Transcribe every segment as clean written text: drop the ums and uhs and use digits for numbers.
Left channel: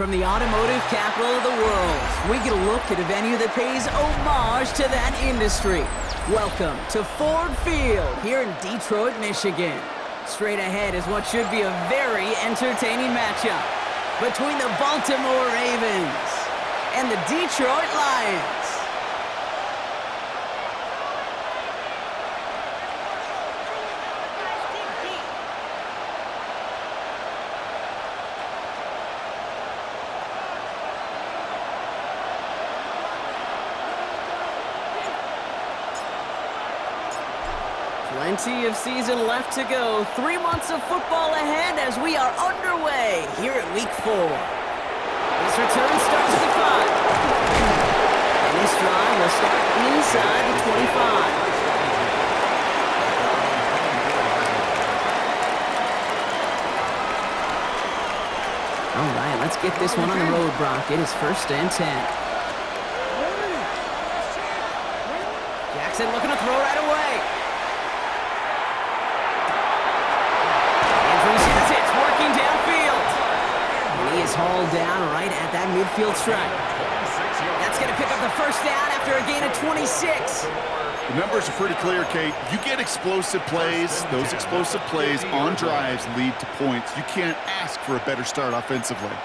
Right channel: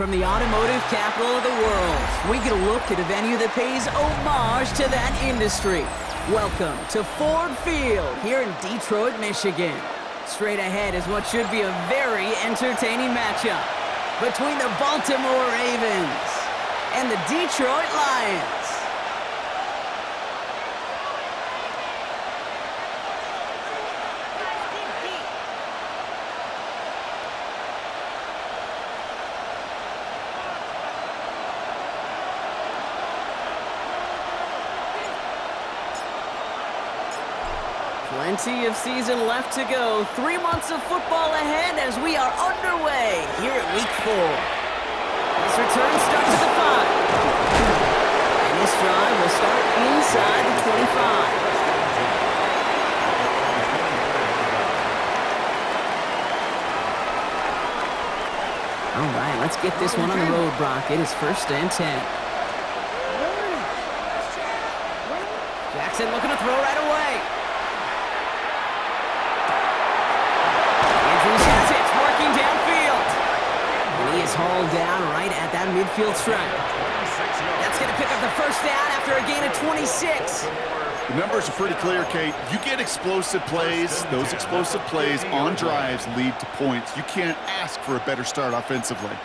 From the automotive capital of the world, we get a look at a venue that pays homage to that industry. Welcome to Ford Field here in Detroit, Michigan. Straight ahead is what should be a very entertaining matchup between the Baltimore Ravens and the Detroit Lions. Plenty of season left to go. 3 months of football ahead as we are underway here at Week 4. This return starts at the 5. And this drive will start inside the 25. All right, let's get this one on the road, Brock. It is 1st and 10. Jackson looking to throw right away. It's working downfield. And he is hauled down right at that midfield stripe. That's going to pick up the 1st down after a gain of 26. The numbers are pretty clear, Kate. You get explosive plays. Those explosive plays on drives lead to points. You can't ask for a better start offensively.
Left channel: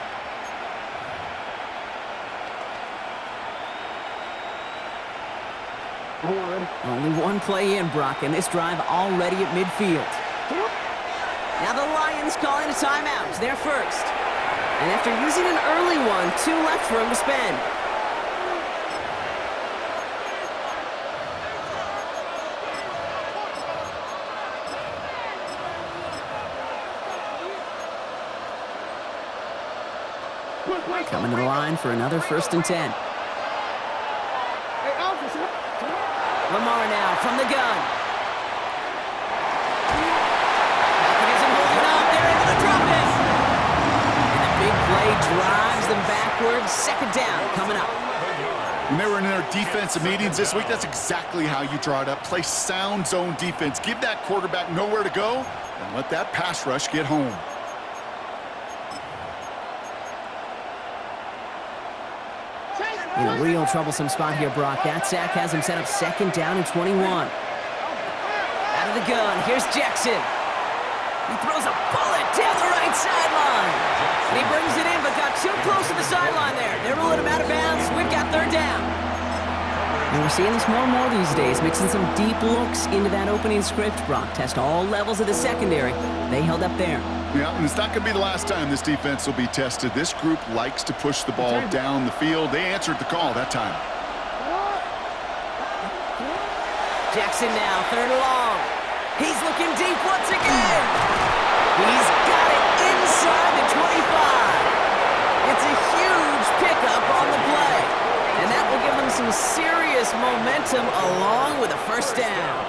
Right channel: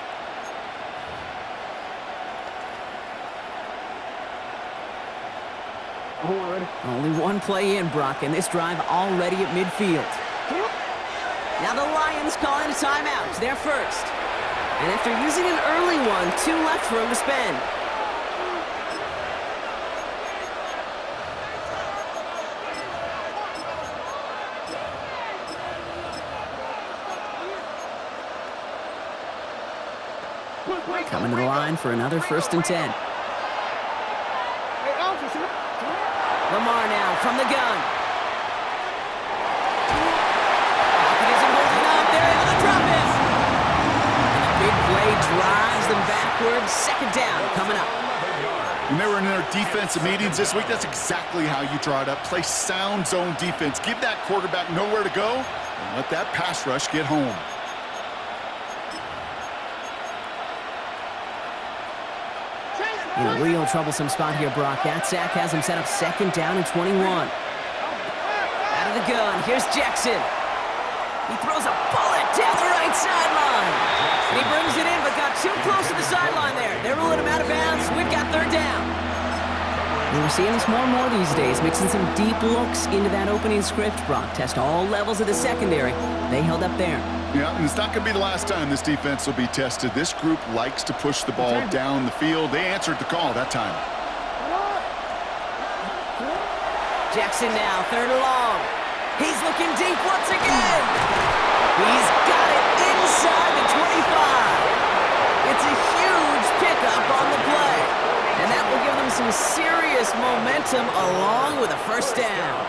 Only one play in, Brock, and this drive already at midfield. Now the Lions calling a timeout. They're first. And after using an early one, 2 left for him to spend. Coming to the line for another 1st and 10. Lamar now from the gun. They're able to drop him. And the big play drives them backwards. 2nd down coming up. When they were in their defensive meetings this week, that's exactly how you draw it up. Play sound zone defense. Give that quarterback nowhere to go and let that pass rush get home. In a real troublesome spot here, Brock. That sack has him set up 2nd down and 21. Out of the gun, here's Jackson. He throws a bullet down the right sideline. And he brings it in, but got too close to the sideline there. They're ruling him out of bounds. We've got 3rd down. And we're seeing this more and more these days, mixing some deep looks into that opening script, Brock. Test all levels of the secondary. They held up there. Yeah, and it's not going to be the last time this defense will be tested. This group likes to push the ball down the field. They answered the call that time. Jackson now, 3rd and long. He's looking deep once again. He's got it inside the 25. It's a huge pickup on the play. And that will give them some serious momentum along with a 1st down.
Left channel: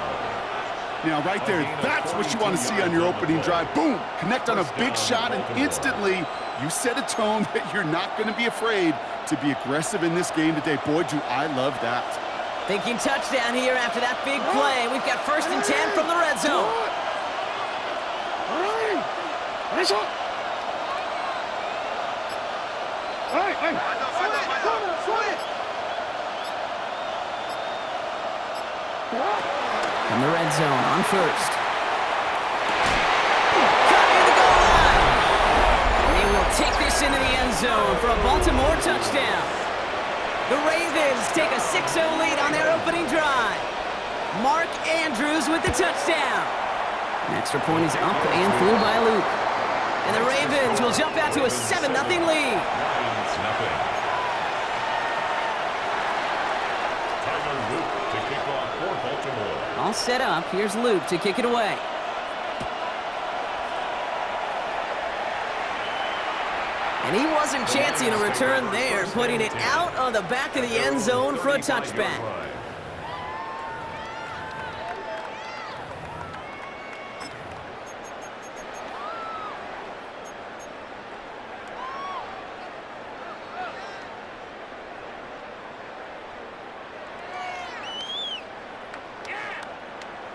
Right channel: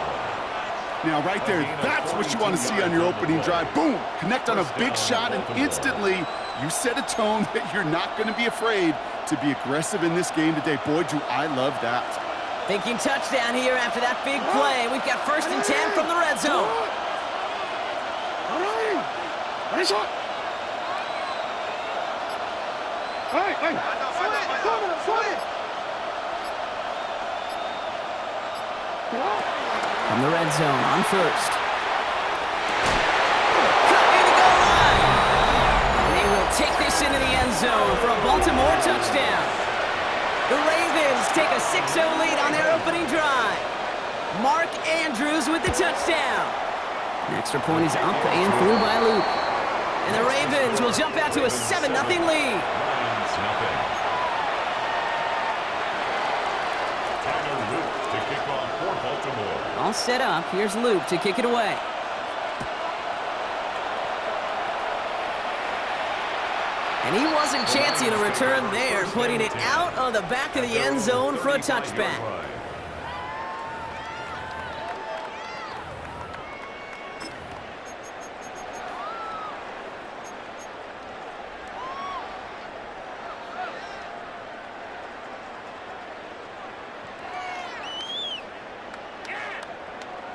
Now, right there, that's what you want to see on your opening drive. Boom! Connect on a big shot, and instantly you set a tone that you're not going to be afraid to be aggressive in this game today. Boy, do I love that. Thinking touchdown here after that big play. We've got 1st and 10 from the red zone. From the red zone on 1st. Cut near the goal line. And they will take this into the end zone for a Baltimore touchdown. The Ravens take a 6-0 lead on their opening drive. Mark Andrews with the touchdown. An extra point is up and through by Luke. And the Ravens will jump out to a 7-0 lead. Luke to kick off for Baltimore. All set up. Here's Luke to kick it away. And he wasn't chancing a return there, putting it out of the back of the end zone for a touchback.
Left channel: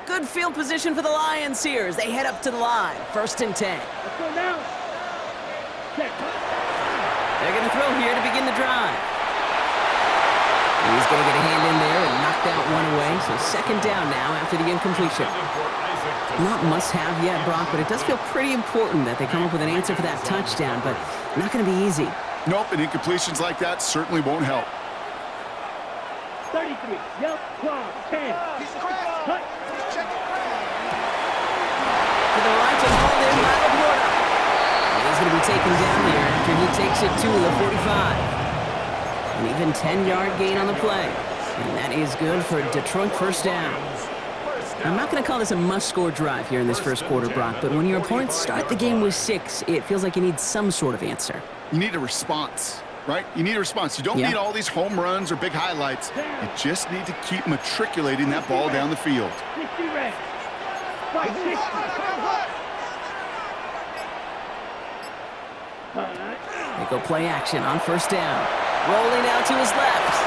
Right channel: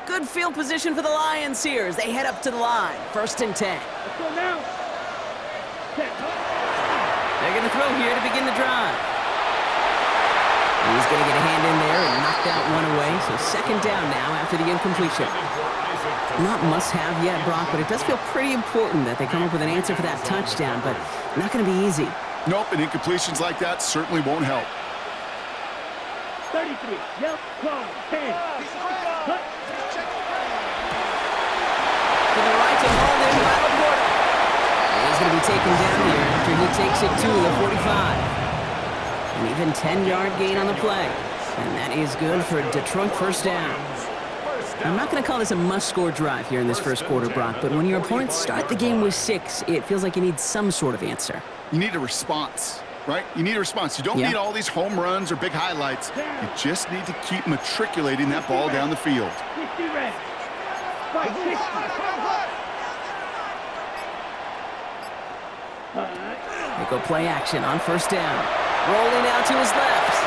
Good field position for the Lions here as they head up to the line. 1st and 10. Let's go now. They're going to throw here to begin the drive. He's going to get a hand in there and knock that one away. So second down now after the incompletion. Not must-have yet, Brock, but it does feel pretty important that they come up with an answer for that touchdown, but not going to be easy. Nope, and incompletions like that certainly won't help. 33, yep, 12, 10. Cut. To the right and hauled in by Laporta. And he's going to be taken down here after he takes it to the 45. An even 10-yard gain on the play. And that is good for Detroit first down. I'm not going to call this a must-score drive here in this first quarter, Brock, but when your opponents start the game with 6, it feels like you need some sort of answer. You need a response, right? You need a response. You don't need all these home runs or big highlights. You just need to keep matriculating that ball down the field. 50 red. Right, 60. They go play action on first down. Rolling out to his left.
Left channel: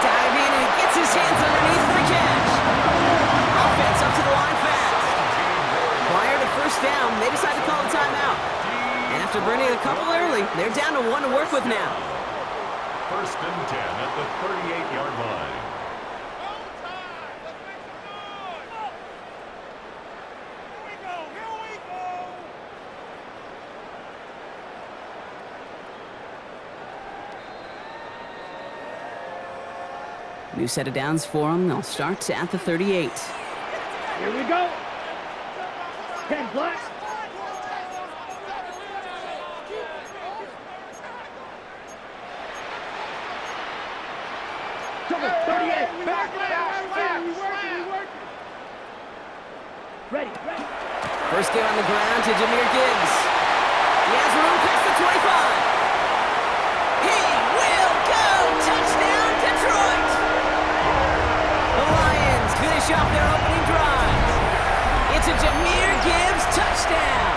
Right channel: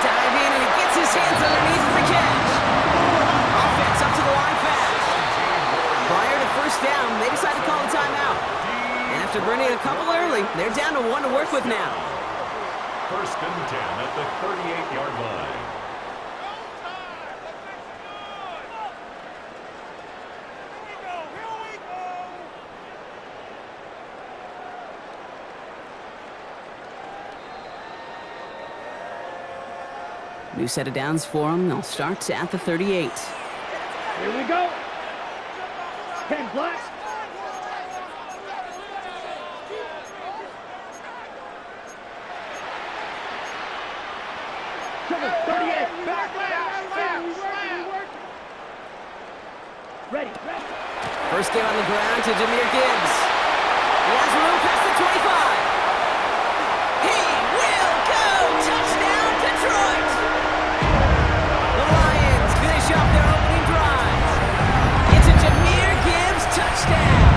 Dive in, and he gets his hands underneath for the catch. Offense up to the line fast. Prior to first down, they decide to call a timeout. And after burning a couple early, they're down to 1 to work with now. First and 10 at the 38-yard line. New set of downs for them. They'll start at the 38. Here we go. 10 black. Trouble, 38. Back. Ready. First game on the ground to Jahmyr Gibbs. He has room past the 25. He will go! Touchdown, Detroit! The Lions finish off their opening drive. It's a Jahmyr Gibbs touchdown.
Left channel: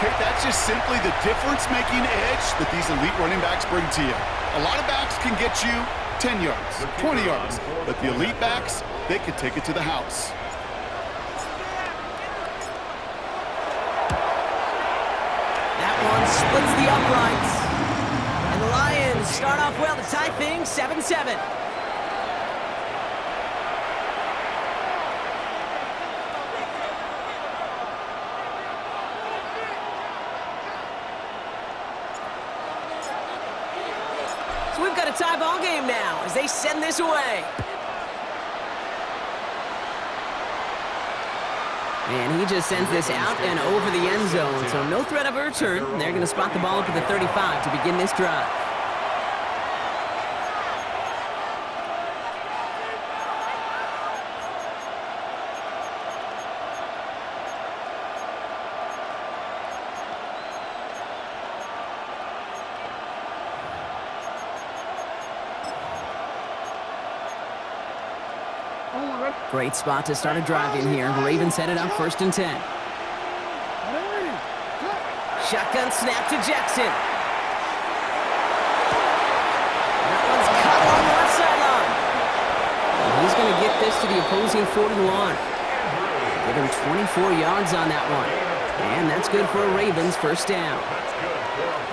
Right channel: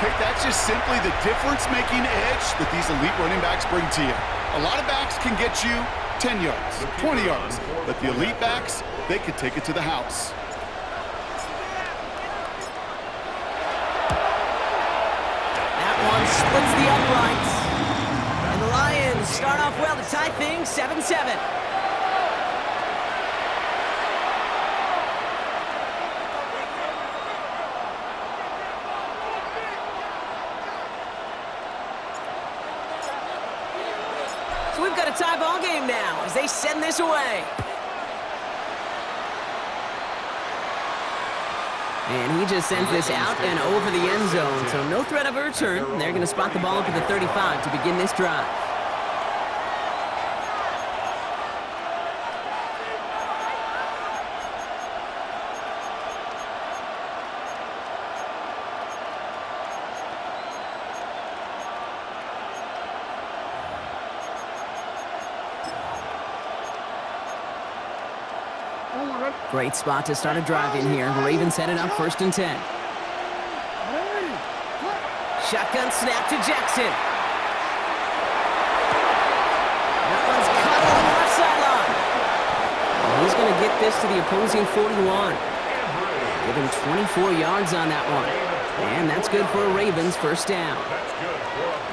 Kate, that's just simply the difference-making edge that these elite running backs bring to you. A lot of backs can get you 10 yards, 20 yards, but the elite backs, they can take it to the house. That one splits the uprights. And the Lions start off well to tie things 7-7. So we've got a tie ball game now as they send this away. And he just sends this out and over the end zone, so no threat of a return. They're going to spot the ball up at the 35 to begin this drive. Great spot to start a drive in here. Ravens set it up first and 10. Shotgun snap to Jackson. That one's cut along the left sideline. And he's going to get this to the opposing 41. Give him 24 yards on that one. And that's good for a Ravens first down.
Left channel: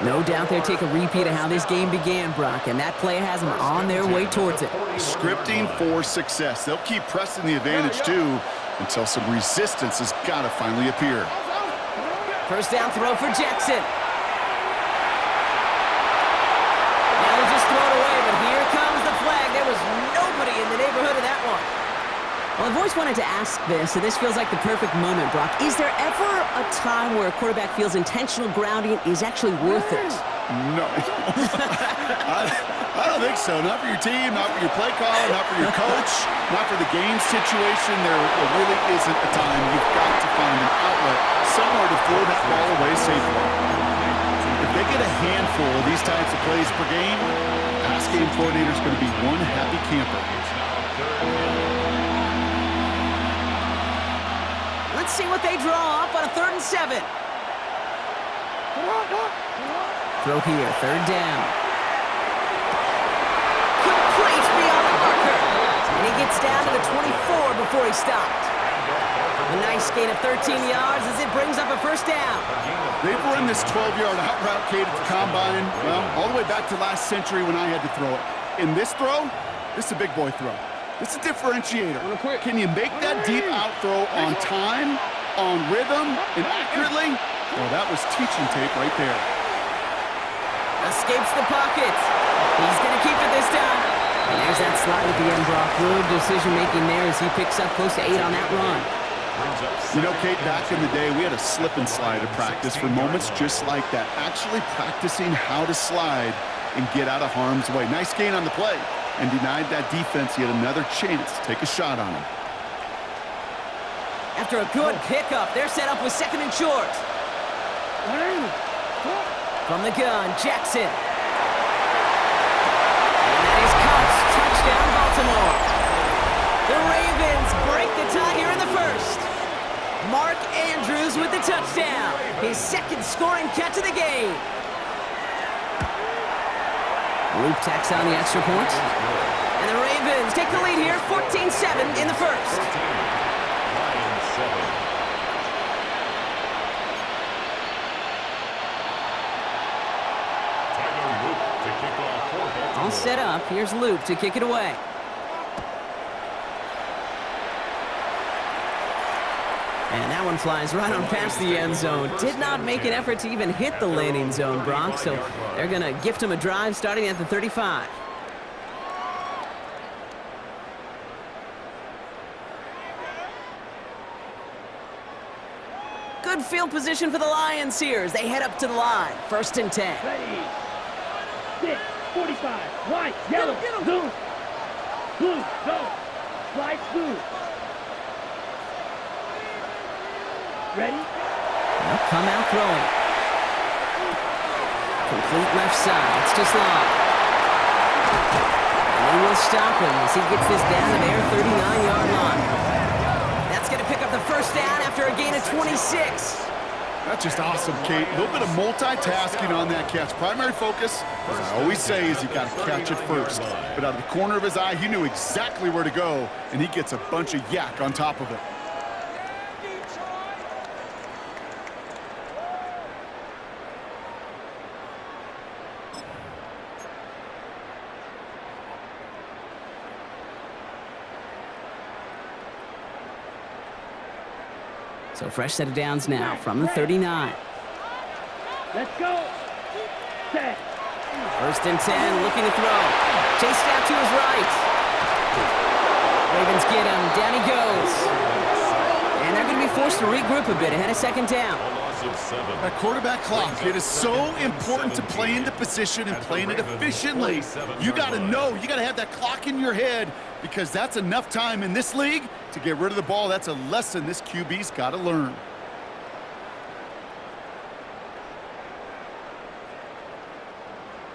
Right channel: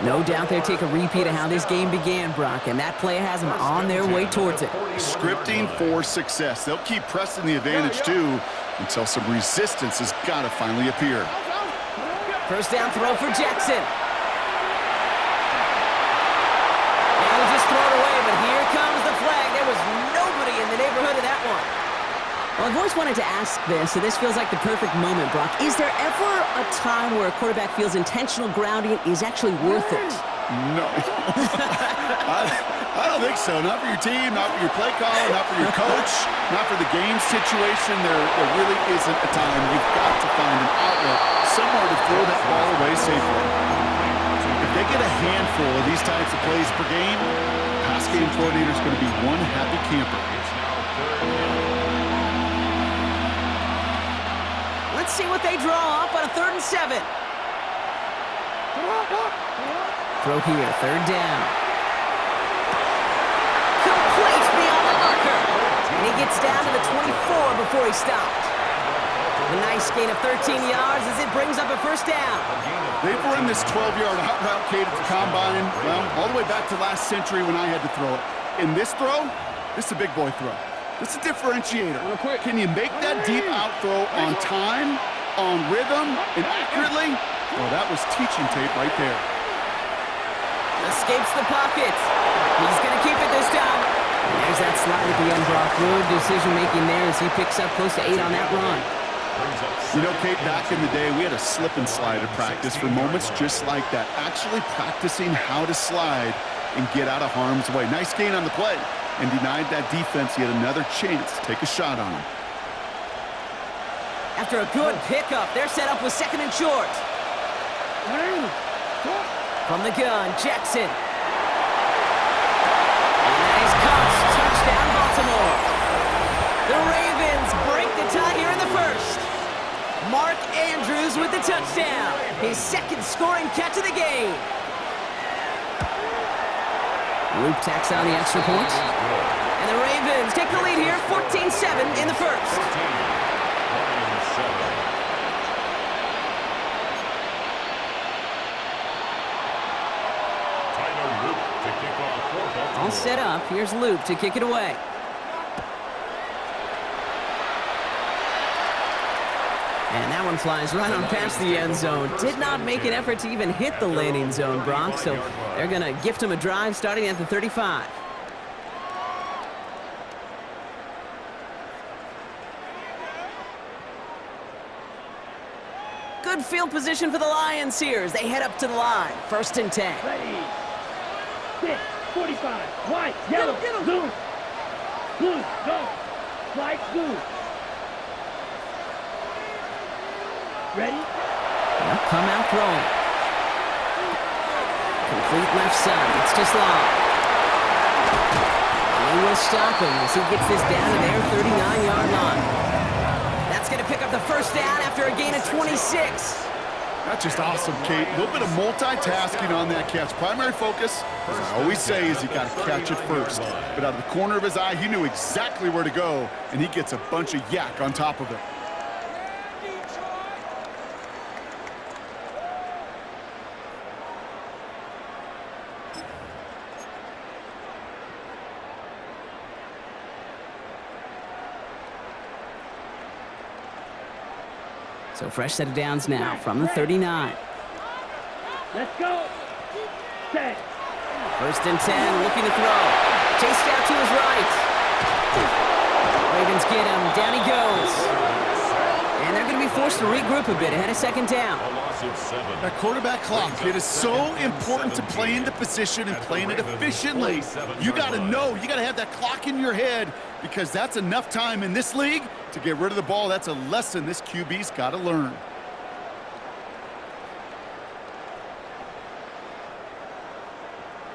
No doubt they'll take a repeat of how this game began, Brock, and that play has them on their way towards it. Scripting for success. They'll keep pressing the advantage, too, until some resistance has got to finally appear. First down throw for Jackson. Now they just throw it away, but here comes the flag. There was nobody in the neighborhood of that one. Well, I've always wanted to ask this, and this feels like the perfect moment, Brock. Is there ever a time where a quarterback feels intentional grounding is actually worth it? No. I don't think so. Not for your team, not for your play caller, not for your coach, not for the game situation. There really isn't a time. You've got to find an outlet, somewhere to throw that ball away safely. If they get a handful of these types of plays per game, the pass game coordinator is going to be one happy camper. Let's see what they draw up on a 3rd and 7. Throw here, 3rd down. Complete beyond the marker. And he gets down to the 24 before he stopped. A nice gain of 13 yards as it brings up a first down. They've run this 12-yard out route, Kate, at the combine, well, all the way back to last century when I had to throw it. In this throw, this is a big boy throw. This is a differentiator. Can you make that deep out throw on time, on rhythm, and accurately? Well, that was teaching tape right there. Escapes the pocket. He's going to keep it this time. And there's that slide at the end, Brock. Good decision-making there as he picks up close to 8 on that run. You know, Kate, back in the day, we had a slip and slide at practice for moments just like that. Actually practicing how to slide and get out of harm's way. Nice gain on the play. And denied that defense yet another chance to take a shot on him. After a good pickup, they're set up with 2nd and short. From the gun, Jackson. And that is caught. Touchdown, Baltimore. The Ravens break the tie here in the first. Mark Andrews with the touchdown. His 2nd scoring catch of the game. Loop tacks on the extra point. And the Ravens take the lead here, 14-7 in the first. 14, Lions 7. Tyler Luke to kick off for Baltimore. All set up. Here's Luke to kick it away. And that one flies right on past the end zone. Did not make an effort to even hit the landing zone, Brock, so they're going to gift him a drive starting at the 35. Good field position for the Lions here as they head up to the line. 1st and 10. Ready. 6, 45. White, yellow, blue. Blue, go. White, blue. Ready? They'll come out throwing. Complete left side. It's just long. And they will stop him as he gets this down to their 39-yard line. That's going to pick up the first down after a gain of 26. That's just awesome, Kate. A little bit of multitasking on that catch. Primary focus, as I always say, is you got to catch it first. But out of the corner of his eye, he knew exactly where to go, and he gets a bunch of yak on top of it. So fresh set of downs now from the 39. Let's go. 10. 1st and 10, looking to throw. Chased out to his right. Ravens get him. Down he goes. And they're going to be forced to regroup a bit ahead of 2nd down. A loss of 7. That quarterback clock, it is so important to play into position and playing it efficiently. You got to know, you got to have that clock in your head because that's enough time in this league to get rid of the ball. That's a lesson this QB's got to learn.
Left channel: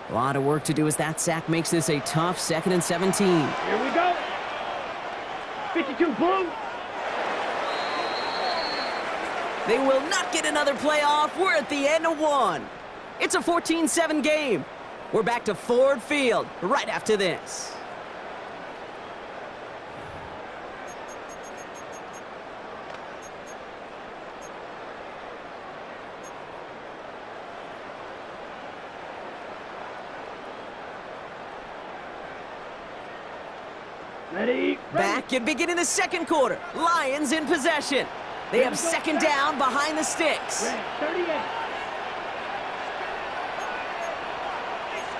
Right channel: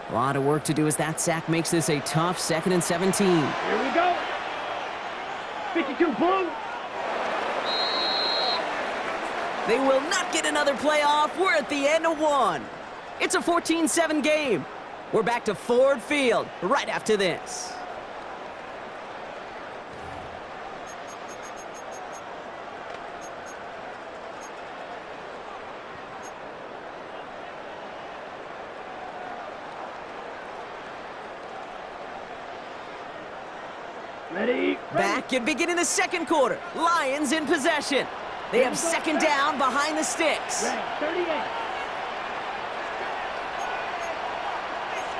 A lot of work to do as that sack makes this a tough 2nd and 17. Here we go. 52 blue. They will not get another play off. We're at the end of 1. It's a 14-7 game. We're back to Ford Field right after this. Ready. Back and beginning the 2nd quarter. Lions in possession. They have 2nd down behind the sticks. Ready. 38.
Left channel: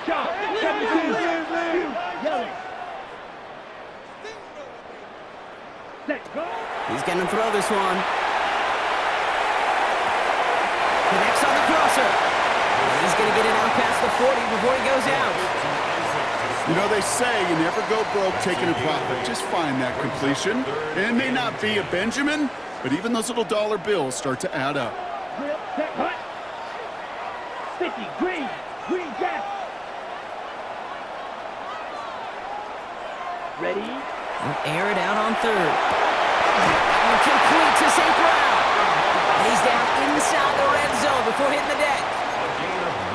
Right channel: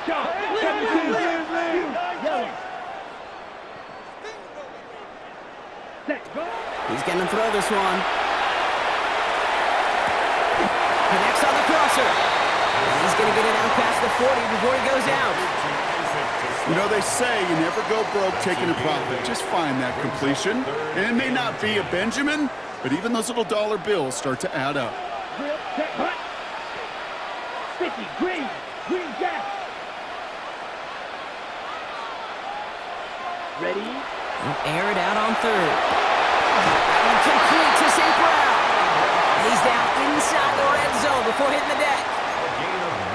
Chop. 72. Yellow. Set. Go. He's going to throw this one. Connects on the crosser. And he's going to get it out past the 40 before he goes out. You know, they say you never go broke taking a profit. Just find that completion. And it may not be a Benjamin, but even those little dollar bills start to add up. Drill. Set. Hut. 50. Green. Green jack. Ready. They'll air it out on 3rd. That one complete to St. Brown. And he's down inside the red zone before hitting the deck.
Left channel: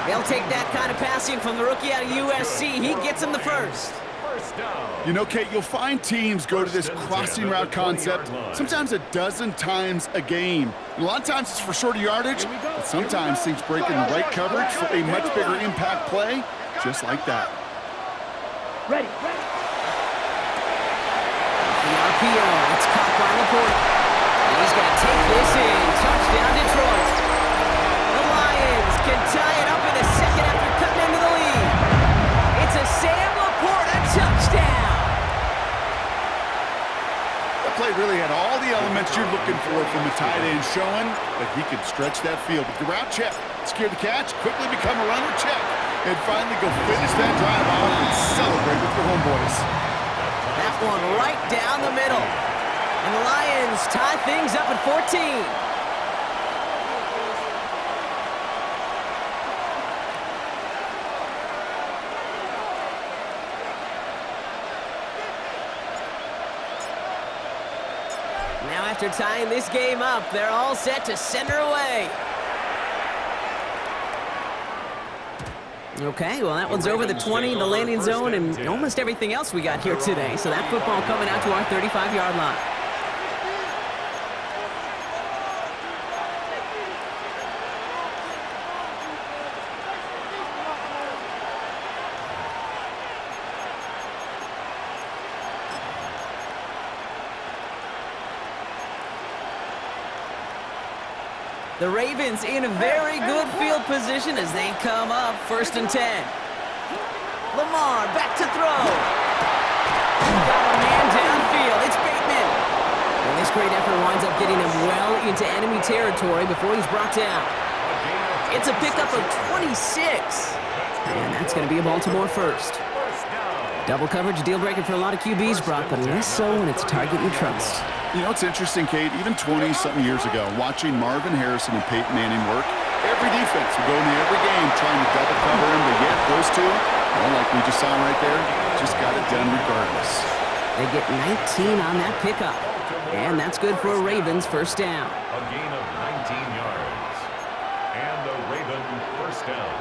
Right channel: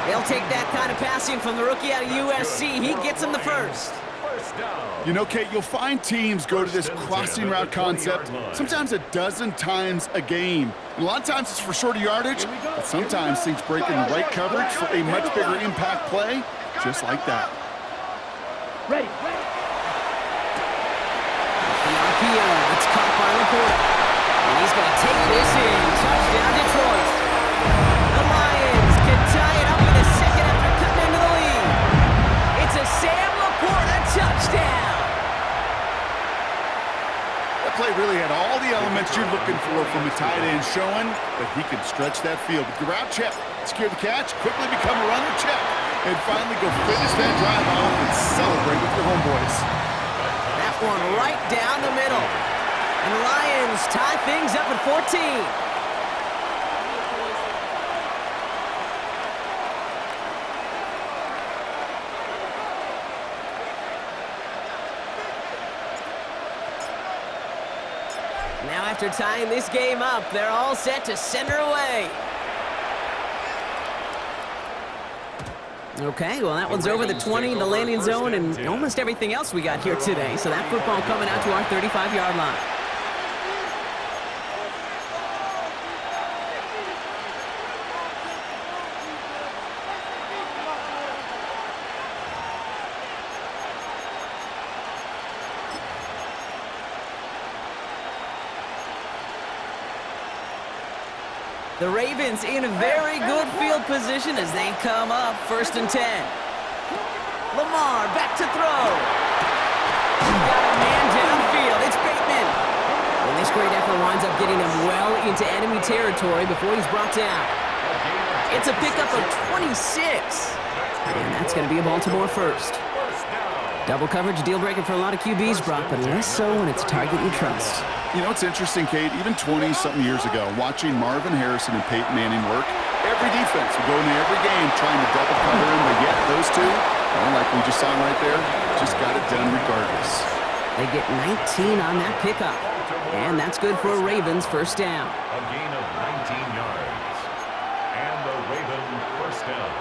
They'll take that kind of passing from the rookie out of USC. He gets him the first. First down. You know, Kate, you'll find teams go to this crossing route concept sometimes a dozen times a game. And a lot of times it's for shorter yardage, but sometimes things break in the right coverage for a much bigger impact play, just like that. Ready. The RPO, it's caught by Laporta. And he's going to take this in. Touchdown, Detroit. The Lions can tie it up in a second after cutting into the lead. It's a Sam Laporta touchdown. That play really had all the elements you're looking for from a tight end, showing that he can stretch that field. With the route check, secure the catch, quickly become a runner check, and finally go finish that drive off and celebrate with your homeboys. That one right down the middle. And the Lions tie things up at 14. Now after tying this game up, they're all set to send her away. Okay, well that one's over the 20, the landing zone, and almost everything else we got here today. So that football coming out to our 35-yard line. The Ravens in a very good field position as they come up, 1st and 10. Lamar back to throw. Got a man downfield. It's Bateman. And this great effort winds up getting him well into enemy territory before he's brought down. It's a pickup of 26. And that's going to be a Baltimore first. Double coverage, deal breaker for a lot of QBs, Brock, but less so when it's a target you trust. You know, it's interesting, Kate, even 20-something years ago, watching Marvin Harrison and Peyton Manning work, every defense would go into every game trying to double cover him, but yet those two, well, like we just saw right there, just got it done regardless. They get 19 on that pickup, and that's good for a Ravens first down. A gain of 19 yards. And the Raven first down.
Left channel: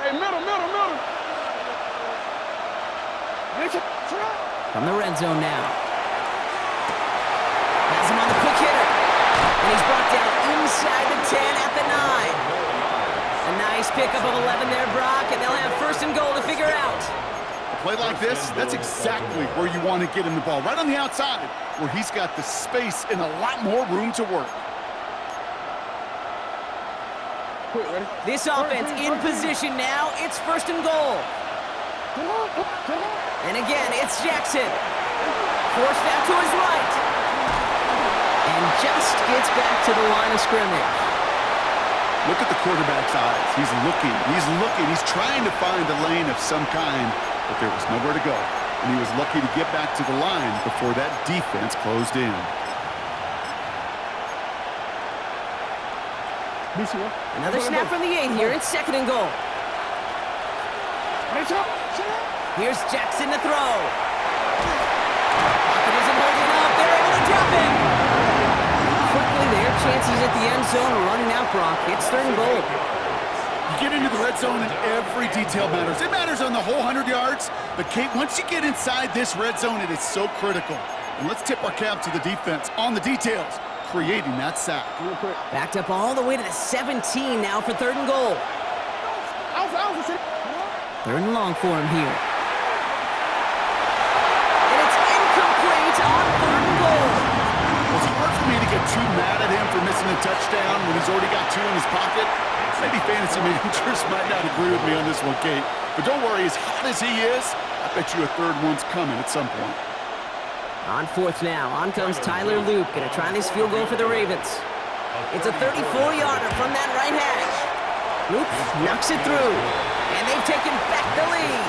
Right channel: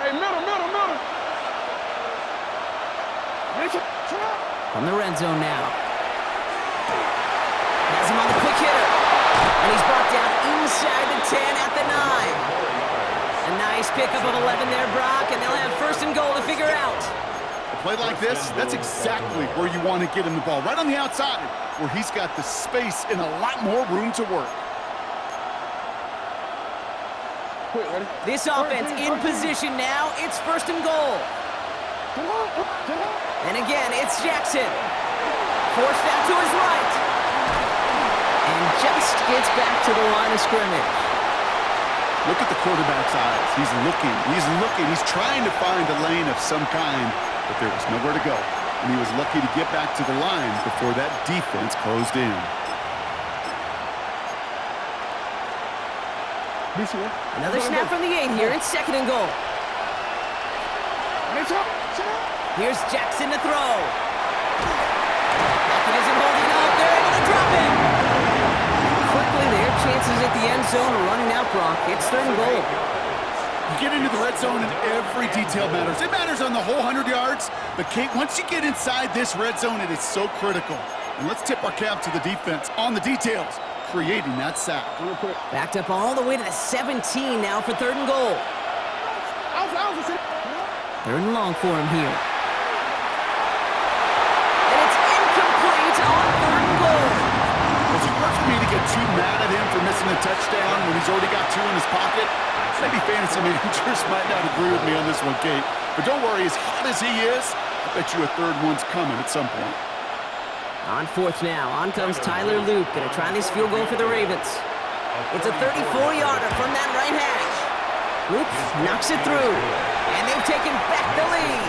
Hey, middle. From the red zone now. Has him on the quick hitter. And he's brought down inside the 10 at the 9. A nice pickup of 11 there, Brock, and they'll have 1st and goal to figure out. A play like this, that's exactly where you want to get him the ball, right on the outside, where he's got the space and a lot more room to work. Ready? This offense in position now. It's 1st and goal. And again, it's Jackson. Forced out to his right. And just gets back to the line of scrimmage. Look at the quarterback's eyes. He's looking. He's trying to find a lane of some kind, but there was nowhere to go. And he was lucky to get back to the line before that defense closed in. Another snap from the 8 here. It's 2nd and goal. Here's Jackson to throw. Pocket isn't holding up. They're able to drop him. Quickly, their chances at the end zone are running out, Brock. It's 3rd and goal. You get into the red zone and every detail matters. It matters on the whole 100 yards. But, Kate, once you get inside this red zone, it is so critical. And let's tip our cap to the defense on the details, creating that sack. Backed up all the way to the 17 now for 3rd and goal. 3rd and long for him here. And it's incomplete on 3rd and goal. It's hard for me to get too mad at him for missing a touchdown when he's already got 2 in his pocket. Maybe fantasy managers might not agree with me on this one, Kate. But don't worry, as hot as he is, I bet you a 3rd one's coming at some point. On 4th now, on comes Tyler Loop. Gonna try this field goal for the Ravens. It's a 34-yarder from that right hash. Loop knocks it through, and they've taken back the lead.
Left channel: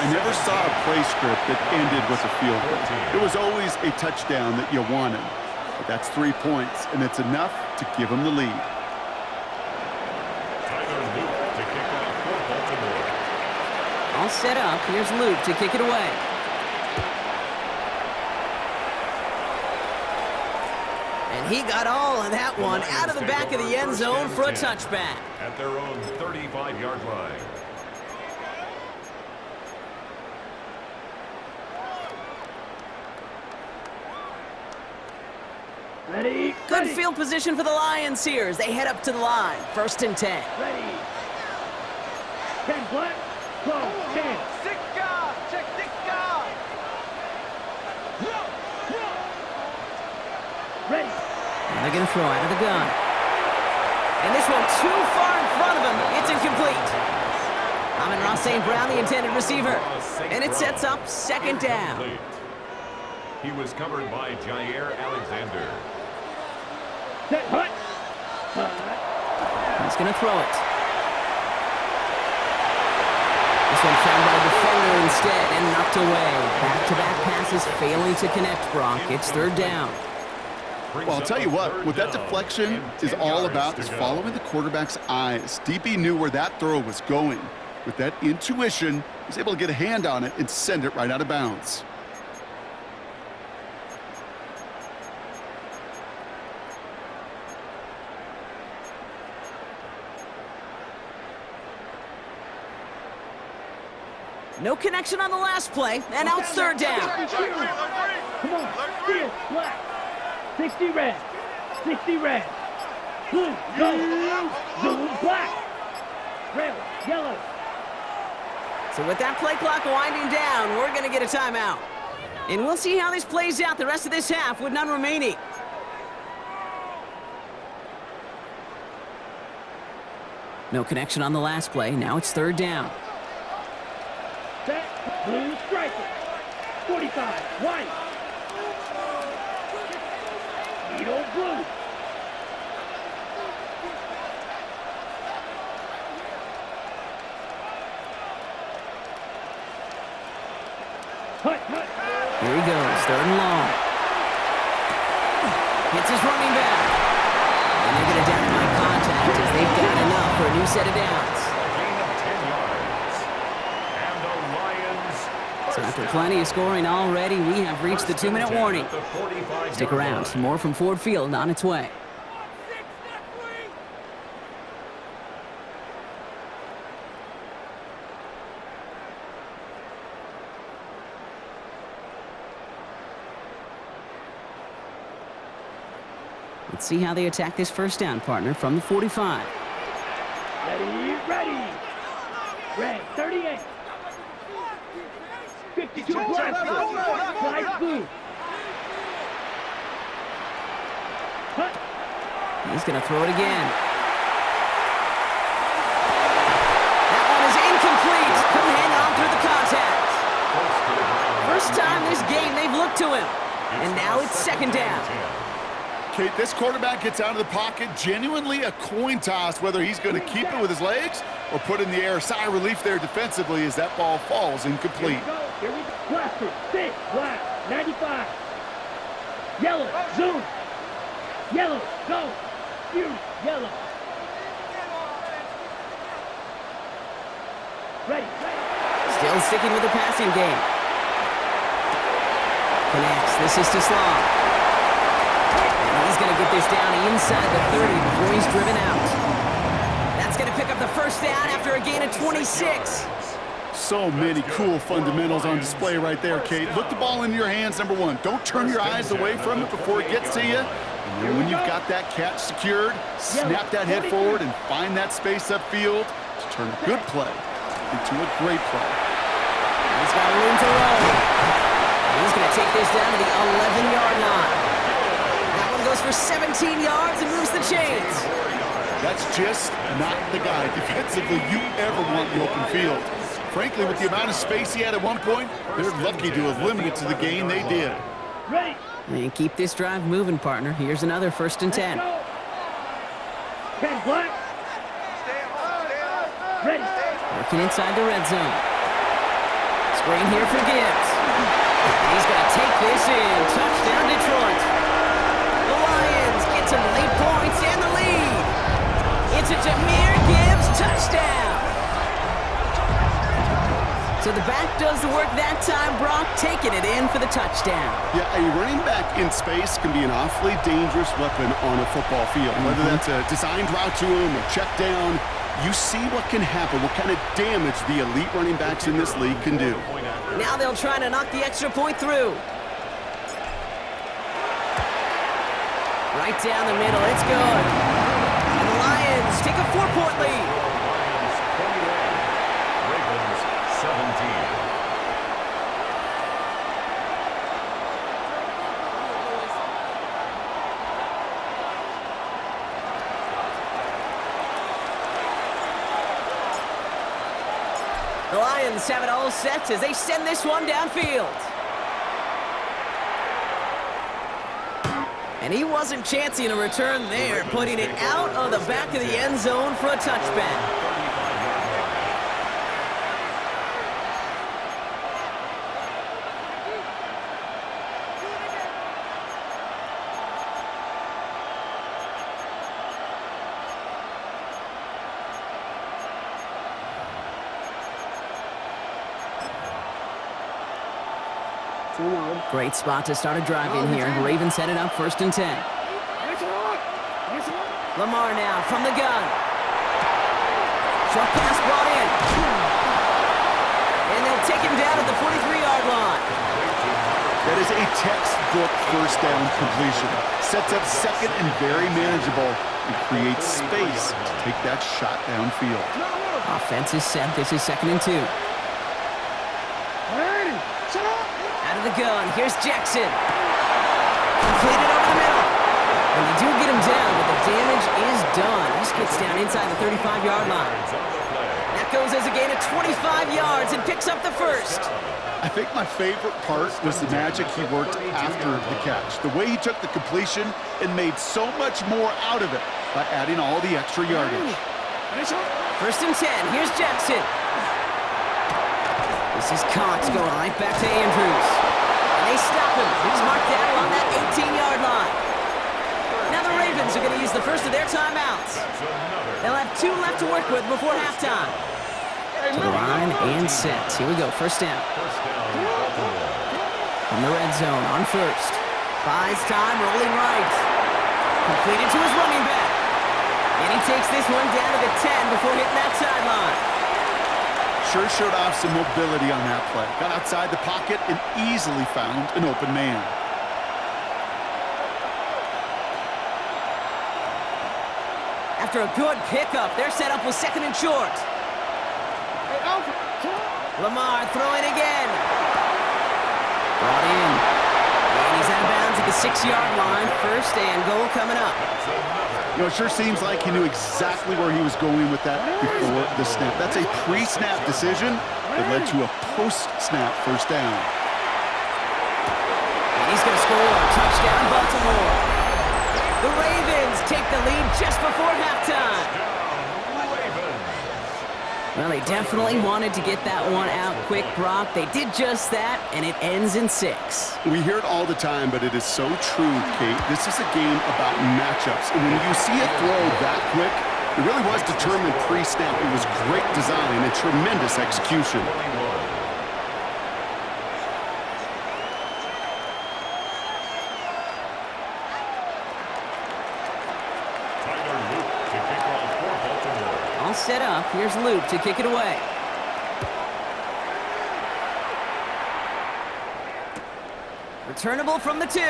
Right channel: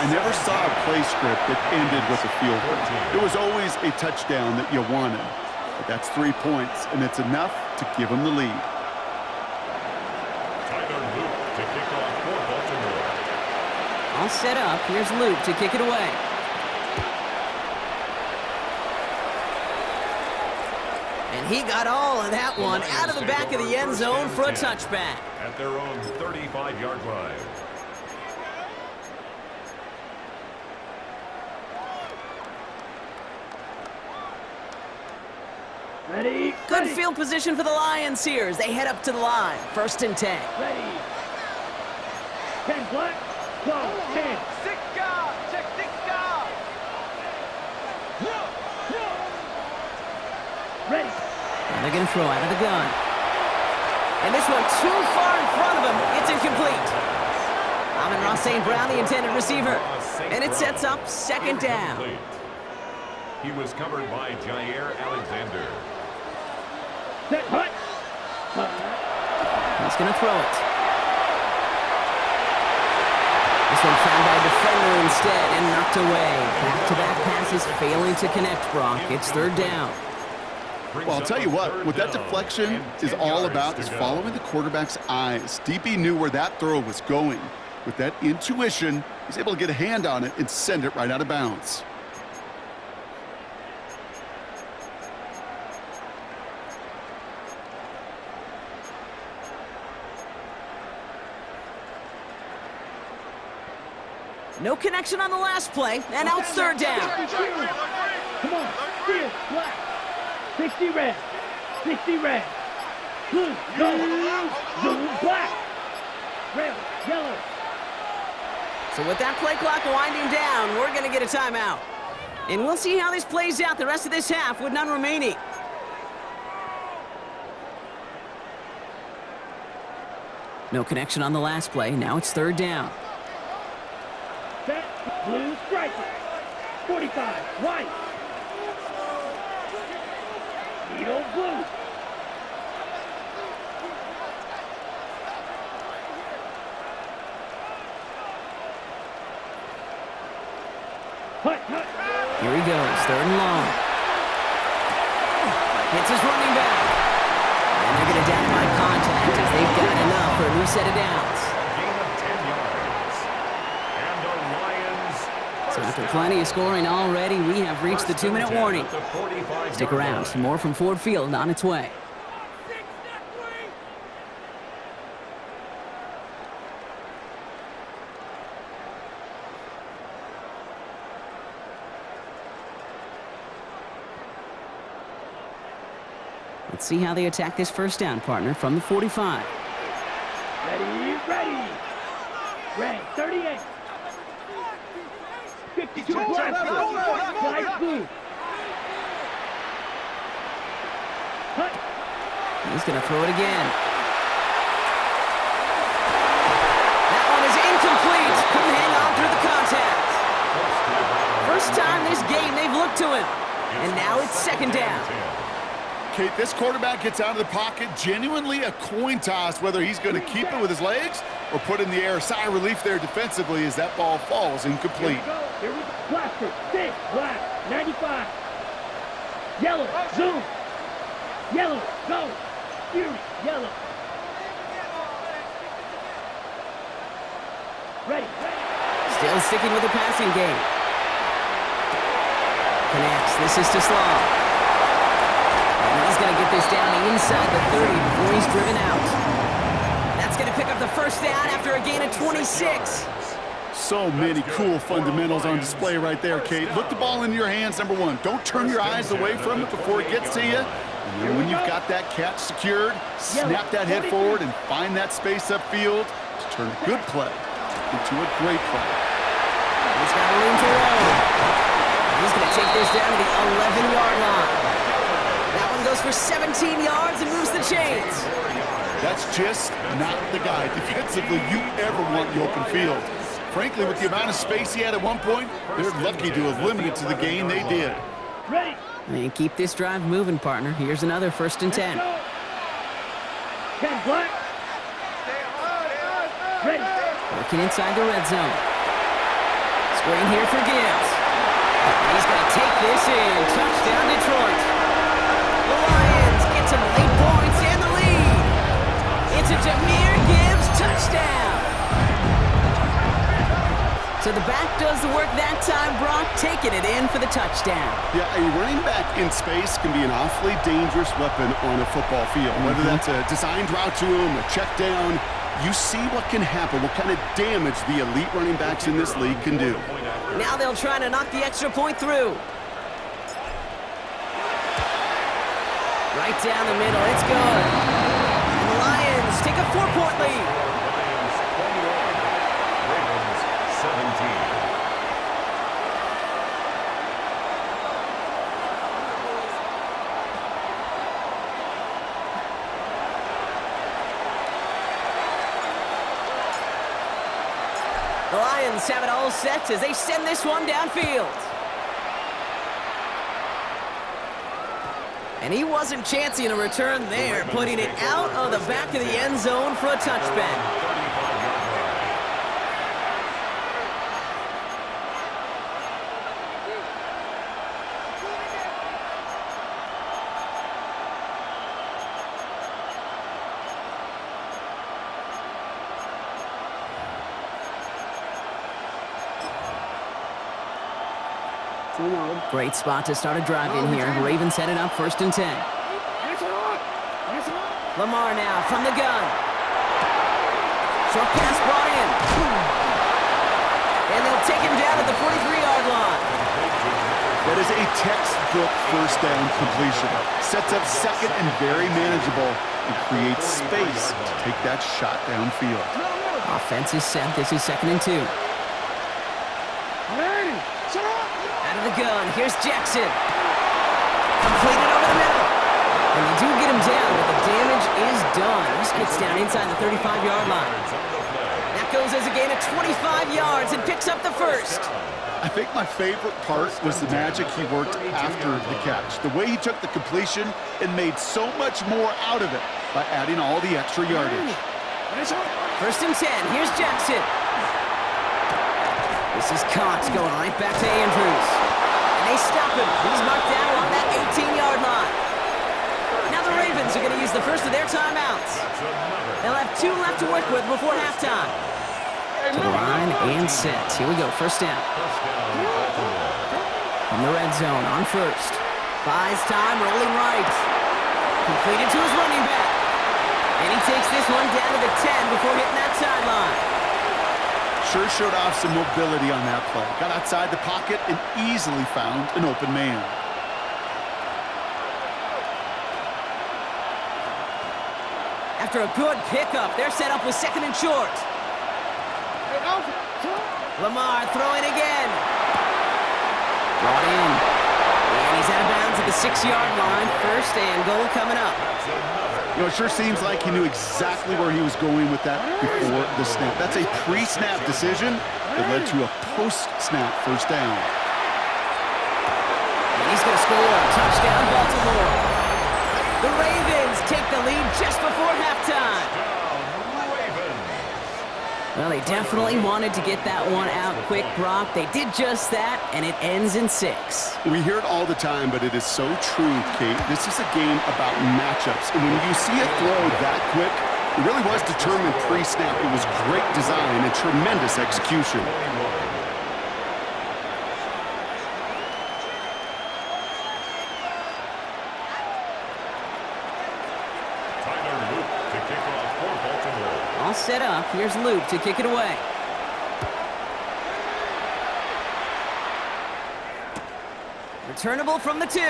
I never saw a play script that ended with a field goal. It was always a touchdown that you wanted. But that's 3 points, and it's enough to give them the lead. Tyler Luke to kick off for Baltimore. All set up. Here's Luke to kick it away. And he got all of that one out of the back of the end zone for a touchback. At their own 35-yard line. Ready? Good Ready. field position for the Lions here as they head up to the line. 1st and 10. Ready. 10 black. Go. 10. Six guard. Check six guard. Ready. And they're going to throw out of the gun. And this one too far in front of him. It's incomplete. Amon-Ra St. Brown, the intended receiver. And it sets up 2nd down. He was covered by Jair Alexander. Set. Hut. He's going to throw it. This one found by a defender instead and knocked away. Back-to-back passes failing to connect, Brock. It's 3rd down. Well, I'll tell you what that deflection is all about is following the quarterback's eyes. DB knew where that throw was going. With that intuition, he's able to get a hand on it and send it right out of bounds. No connection on the last play, and now it's 3rd down. Come on. Steal. Black. 60 red. 60 red. Blue. Go. Blue. Black. Red. Yellow. So with that play clock winding down, we're going to get a timeout. And we'll see how this plays out the rest of this half with none remaining. No connection on the last play. Now it's 3rd down. Set. Blue. Strike it. 45. White. Needle. Blue. Hut. Hut. Here he goes, 3rd and long. Hits his running back. And they're going to down him by contact as they've got enough for a new set of downs. A gain of 10 yards. And the Lions. So after plenty of scoring already, we have reached the 2-minute warning. Stick around, more from Ford Field on its way. Let's see how they attack this 1st down, partner, from the 45. Ready. Ready. Red. 38. 52 black. 5 blue. Hut. He's going to throw it again. That one is incomplete. Couldn't hang on through the contact. First time this game they've looked to him. And now it's 2nd down. Kate, this quarterback gets out of the pocket, genuinely a coin toss whether he's going to keep it with his legs or put it in the air. Sigh of relief there defensively as that ball falls incomplete. Here we go. Blaster. 6. Black. 95. Yellow. Zoom. Yellow. Go. Fury. Yellow. Ready. Ready. Still sticking with the passing game. Connects. This is to Slaw. And he's going to get this down inside the 30 before he's driven out. That's going to pick up the 1st down after a gain of 26. So many cool fundamentals on display right there, Kate. Look the ball into your hands, number one. Don't turn your eyes away from it before it gets to you. And then when you've got that catch secured, snap that head forward and find that space upfield to turn a good play into a great play. He's got room to roll. And he's going to take this down to the 11-yard line. That one goes for 17 yards and moves the chains. That's just not the guy defensively you ever want in the open field. Frankly, with the amount of space he had at one point, they're lucky to have limited to the gain they did. Ready. And keep this drive moving, partner. Here's another 1st and 10. 10 black. Ready. Working inside the red zone. Screen here for Gibbs. And he's going to take this in. Touchdown, Detroit. The Lions get some late points and the lead. It's a Jahmyr Gibbs touchdown. So the back does the work that time, Brock, taking it in for the touchdown. Yeah, a running back in space can be an awfully dangerous weapon on a football field. Whether that's a designed route to him, a check down, you see what can happen, what kind of damage the elite running backs in this league can do. Now they'll try to knock the extra point through. Right down the middle, it's good. And the Lions take a 4-point lead. Lions 21, Ravens 17. The Lions have it all set as they send this one downfield. And he wasn't chancing a return there, putting it out of the back of the end zone for a touchback. 35-yard line. Great spot to start a drive in here. Ravens set it up 1st and 10. Lamar now from the gun. Short pass brought in. And they'll take him down at the 43-yard line. That is a textbook first down completion. Sets up second and very manageable and creates space to take that shot downfield. Offense is set. This is 2nd and 2. Out of the gun, here's Jackson. Completed over the middle. And they do get him down, but the damage is done. He just gets down inside the 35-yard line. That goes as a gain of 25 yards and picks up the first. I think my favorite part was the magic he worked after the catch. The way he took the completion and made so much more out of it by adding all the extra yardage. 1st and 10, here's Jackson. This is Cox going right back to Andrews. And they stop him. He's marked down along that 18-yard line. Now the Ravens are going to use the first of their timeouts. They'll have 2 left to work with before halftime. To the line and set. Here we go, 1st down. From the red zone on 1st. Buys time, rolling right. Completed to his running back. And he takes this one down to the 10 before hitting that sideline. Sure showed off some mobility on that play. Got outside the pocket and easily found an open man. After a good pickup, they're set up with 2nd and short. Lamar throwing again. Brought in. And he's out of bounds at the 6-yard line. 1st and goal coming up. You know, it sure seems like he knew exactly where he was going with that before the snap. That's a pre-snap decision that led to a post-snap 1st down. And he's going to score. Touchdown, Baltimore. The Ravens take the lead just before halftime. Well, they definitely wanted to get that one out quick, Brock. They did just that, and it ends in 6. We hear it all the time, but it is so true, Kate. This is a game about matchups. And when you see a throw that quick, it really was determined pre-snap. It was great design and tremendous execution. All set up. Here's Luke to kick it away. Returnable from the 2.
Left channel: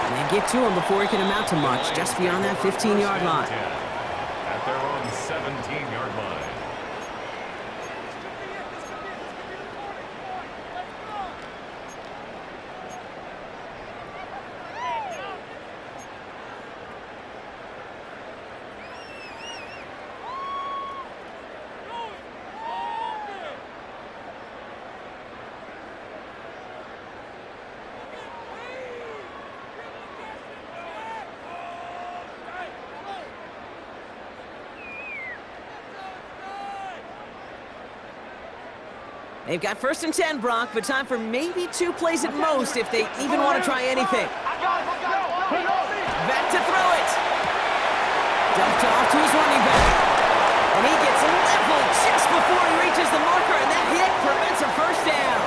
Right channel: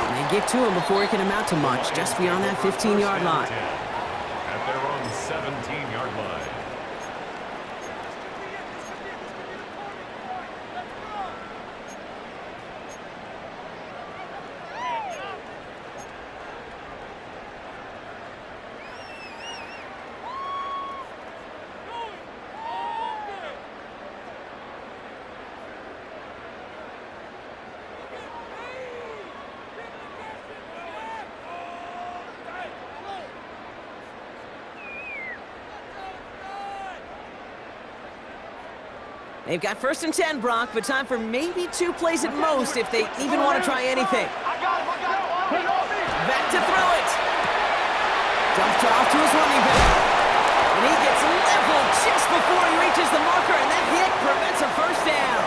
And they get to him before he can amount to much, just beyond that 15-yard line. At their own 17-yard line. They've got 1st and 10, Brock, but time for maybe 2 plays at most if they even want to try anything. Back to throw it. Dumped off to his running back. And he gets leveled just before he reaches the marker, and that hit prevents a first down.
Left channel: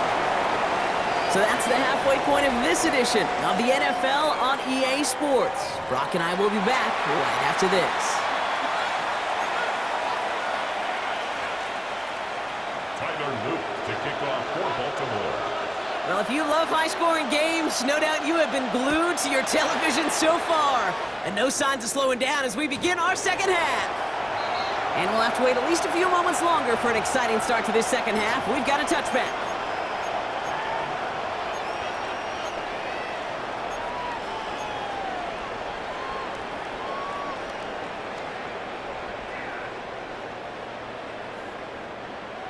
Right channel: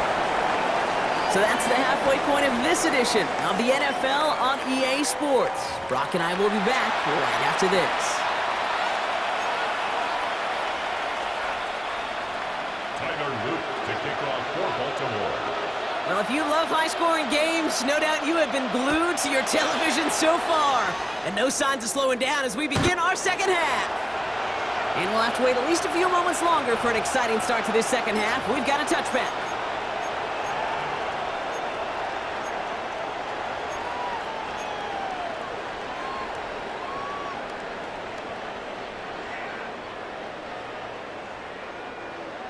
So that's the halfway point of this edition of the NFL on EA Sports. Brock and I will be back right after this. Tyler Luke to kick off for Baltimore. Well, if you love high-scoring games, no doubt you have been glued to your television so far. And no signs of slowing down as we begin our second half. And we'll have to wait at least a few moments longer for an exciting start to this second half. We've got a touchback.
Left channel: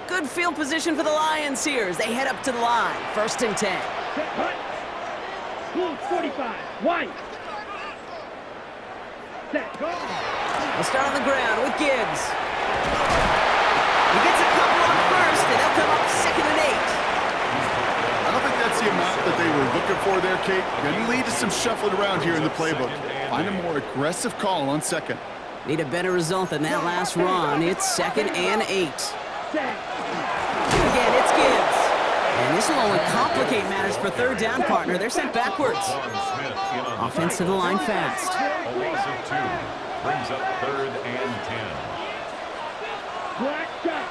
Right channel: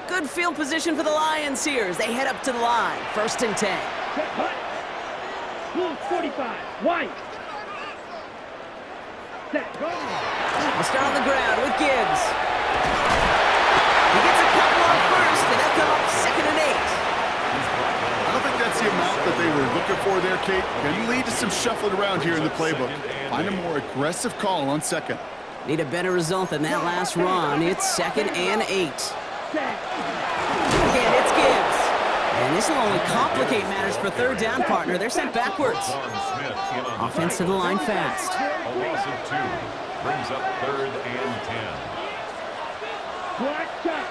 Good field position for the Lions here as they head up to the line. 1st and 10. Set, hut. Blue 45. White. Set, go. We'll start on the ground with Gibbs. He gets a couple on 1st, and they'll come up 2nd and 8. I don't think that's the amount that they were looking for there, Kate. Going to lead to some shuffling around here in the playbook. Find a more aggressive call on 2nd. Need a better result than that last run. It's 2nd and 8. Again, it's Gibbs. And this will only complicate matters for 3rd down, partner. They're sent backwards. Offense to the line fast. A loss of 2 brings up 3rd and 10. Black shot.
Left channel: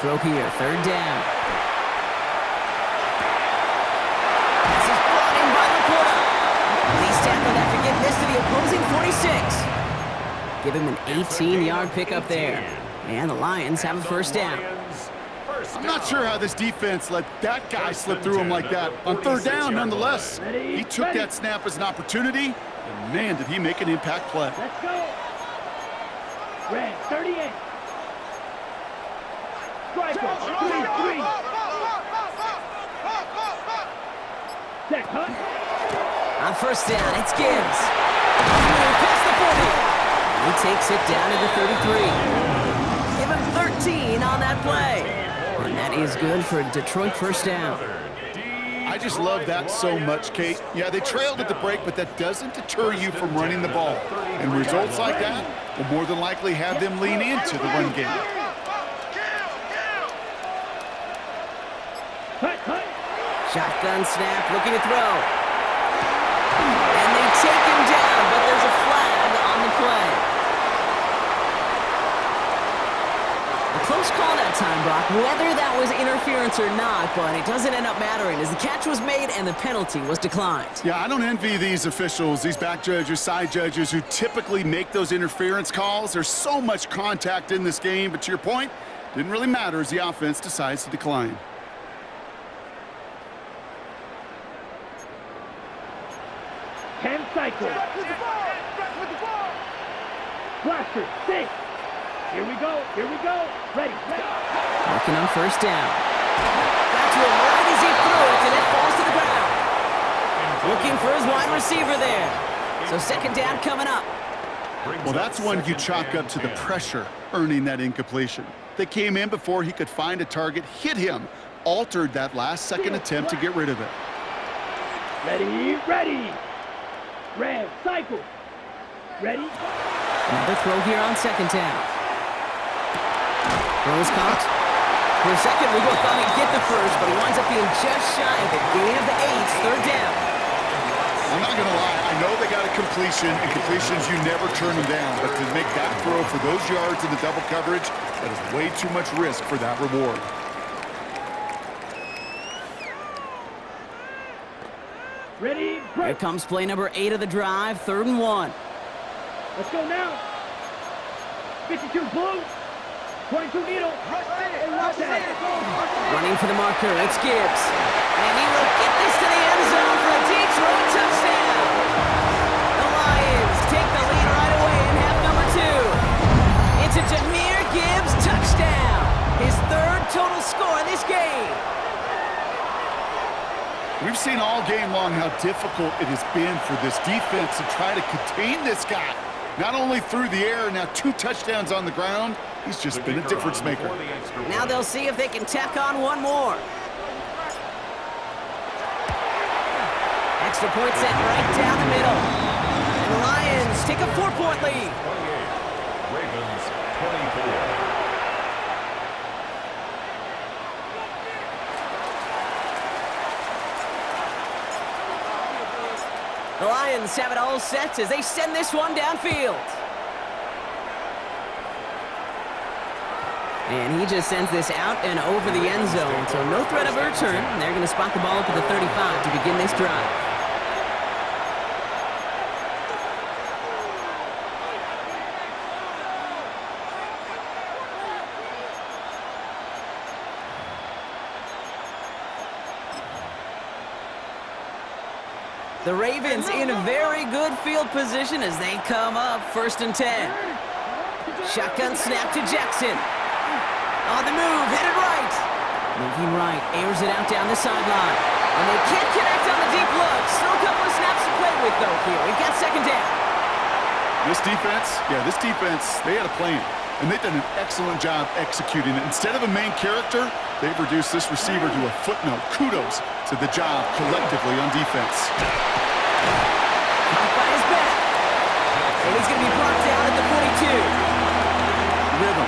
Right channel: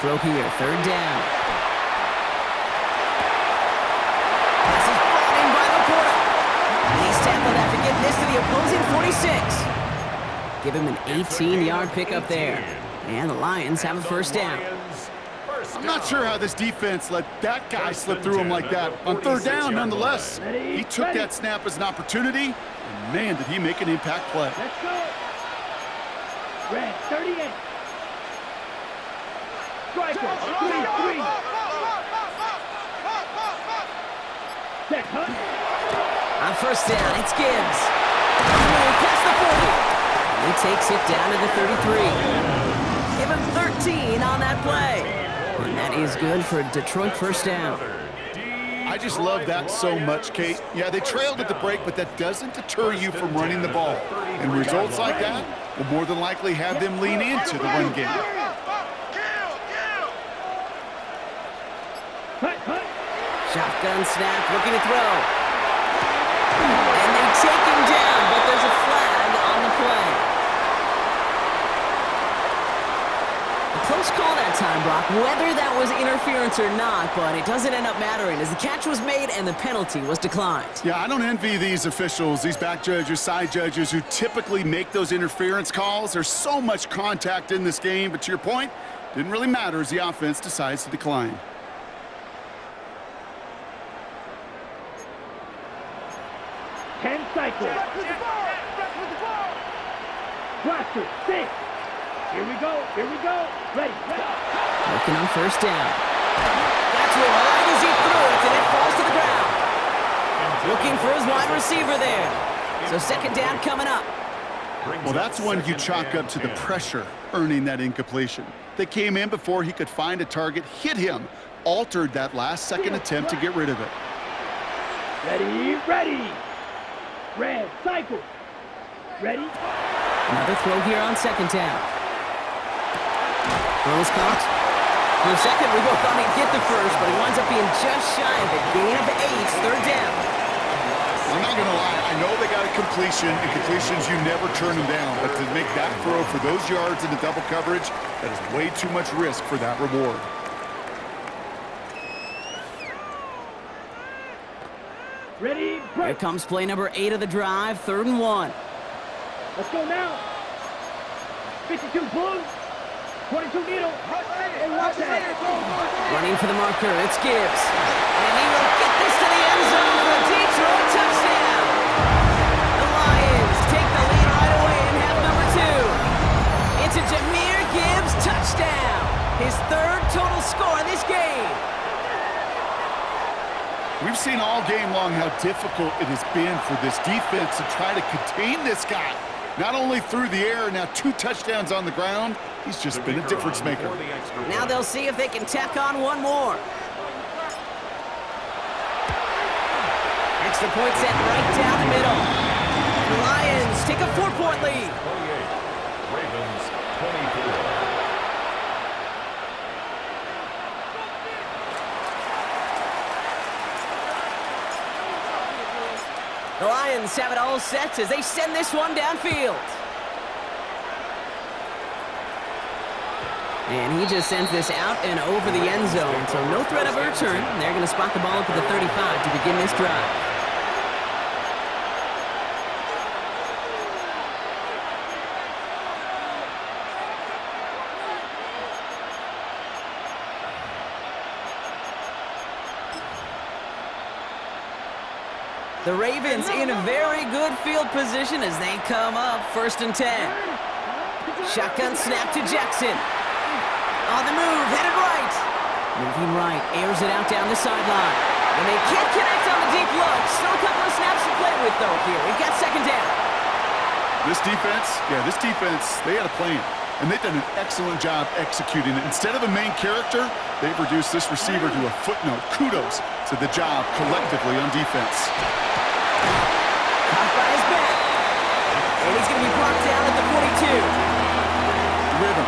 Throw here, 3rd down. This is brought in by Laporta. And he's tackled after getting this to the opposing 46. Give him an 18-yard pickup there. And the Lions have a 1st down. I'm not sure how this defense let that guy slip through him like that. On 3rd down, nonetheless. He took that snap as an opportunity, and man, did he make an impact play. Let's go. Red 38. Striker 3-3. Set, hut. On 1st down, it's Gibbs. Past the 40. He takes it down to the 33. Give him 13 on that play. And that is good for a Detroit 1st down. I just love that so much, Kate. Yeah, they trailed at the break, but that doesn't deter you from running the ball. And results like that will more than likely have them lean into the run game. Hut, hut. Shotgun snap, looking to throw. And they take him down, but there's a flag on the play. A close call that time, Brock, whether that was interference or not, but it doesn't end up mattering as the catch was made and the penalty was declined. Yeah, I don't envy these officials, these back judges, side judges who typically make those interference calls. There's so much contact in this game, but to your point, didn't really matter as the offense decides to decline. Cycle. Blaster, 6. Here we go, here we go. Ready, ready. Working on 1st down. Got to him right as he threw it, and it falls to the ground. Looking for his wide receiver there. So 2nd down coming up. Well, that's one you chalk up to the pressure earning that incompletion. They came in before he could find a target, hit him, altered that last second attempt to get rid of it. Ready, ready. Red, cycle. Ready? Another throw here on 2nd down. Throws caught. For a second, we both thought he'd get the first, but he winds up being just shy of a gain of 8, 3rd down. I'm not going to lie. I know they got a completion, and completions, you never turn them down. But to make that throw for those yards in the double coverage, that is way too much risk for that reward. Ready, Here break. comes play number 8 of the drive, 3rd and 1. Let's go now. 52 blue. 22 needle. And watch that. Running for the marker, it's Gibbs. And he will get this to the end zone for a Detroit touchdown. The Lions take the lead right away in half number 2. It's a Jahmyr Gibbs touchdown. His 3rd total score in this game. We've seen all game long how difficult it has been for this defense to try to contain this guy. Not only through the air, now 2 touchdowns on the ground. He's just been a difference maker. Now they'll see if they can tack on one more. Extra point set right down the middle. And And the Lions take a 4-point lead. 28. Ravens 24. The Lions have it all set as they send this one downfield. And he just sends this out and over the end zone, so no threat of a return. They're going to spot the ball up at the 35 to begin this drive. The Ravens in a very good field position as they come up 1st and 10. Shotgun snap to Jackson. On the move, headed right. Moving right, airs it out down the sideline. And they can't connect on the deep look. Still a couple of snaps to play with, though, here. We've got 2nd down. This defense, they had a plan. And they've done an excellent job executing it. Instead of a main character, they've reduced this receiver to a footnote. Kudos to the job collectively on defense. Caught by his back. And he's going to be brought down at the 42. Rhythm.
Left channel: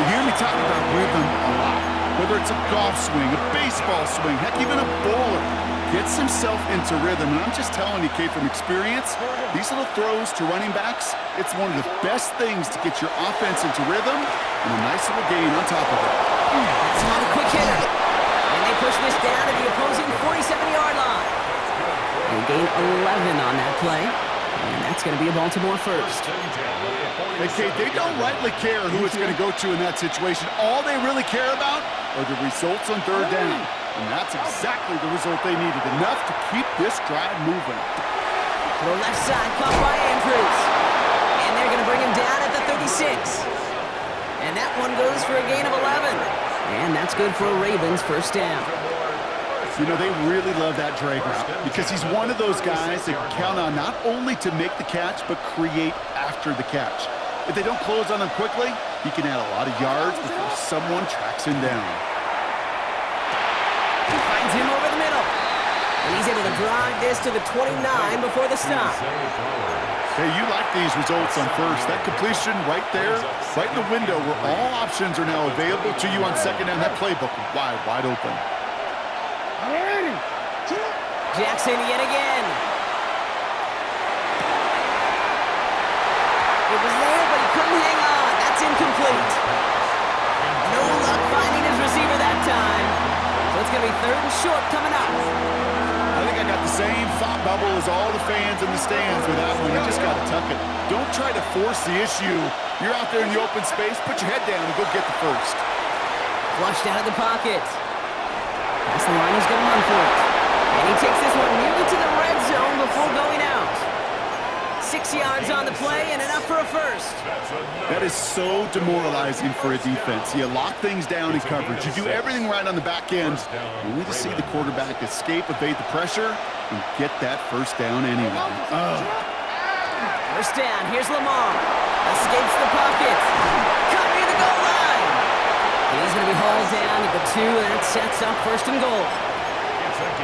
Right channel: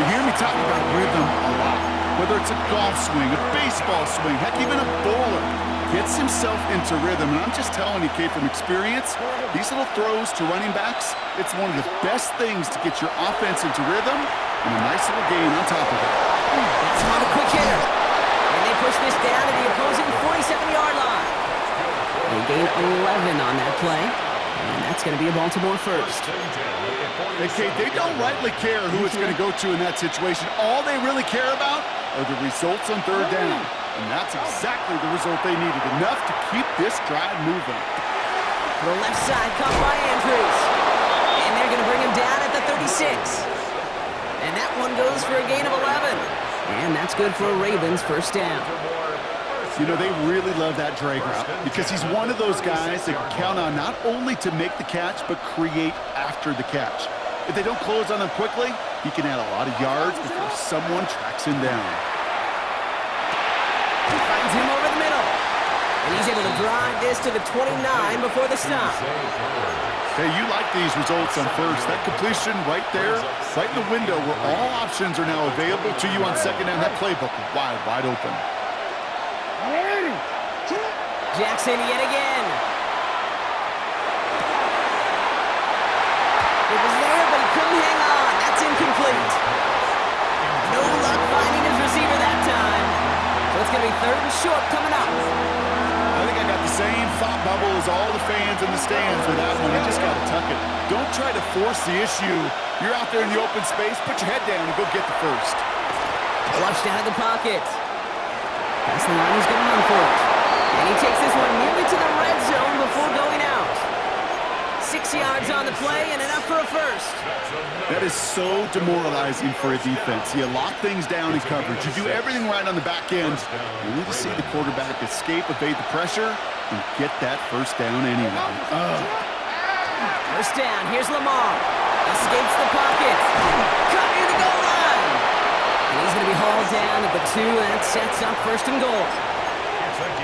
You hear me talk about rhythm a lot. Whether it's a golf swing, a baseball swing, heck, even a bowler gets himself into rhythm. And I'm just telling you, Kate, from experience, these little throws to running backs, it's one of the best things to get your offense into rhythm and a nice little gain on top of it. That's another quick hitter. And they push this down to the opposing 47-yard line. They gain 11 on that play. And that's going to be a Baltimore first. Hey, Kate, they don't rightly care who it's going to go to in that situation. All they really care about are the results on 3rd down. And that's exactly the result they needed. Enough to keep this drive moving. To the left side, caught by Andrews. And they're going to bring him down at the 36. And that one goes for a gain of 11. And that's good for a Ravens 1st down. You know, they really love that drag route because he's one of those guys that can count on not only to make the catch, but create after the catch. If they don't close on him quickly, he can add a lot of yards before someone tracks him down. He finds him over the middle. And he's able to drive this to the 29 before the stop. Hey, you like these results on 1st. That completion right there, right in the window where all options are now available to you on 2nd down. That playbook wide open. Jackson yet again. It was there, but he couldn't hang on. That's incomplete. No luck finding his receiver that time. So it's going to be 3rd and short coming up. I think I got the same thought bubble as all the fans in the stands with that one. You just got to tuck it. Don't try to force the issue. You're out there in the open space. Put your head down and go get the first. Flushed out of the pocket. Past the line, he's going to run for it. And he takes this one nearly to the red zone before going out. 6 yards on the play and enough for a first. That is so demoralizing for a defense. You lock things down in coverage. You do everything right on the back end, only to see the quarterback escape, evade the pressure, and get that 1st down anyway. First down, here's Lamar. Escapes the pocket. Cut near the goal line. And he's going to be hauled down at the 2, and that sets up 1st and goal.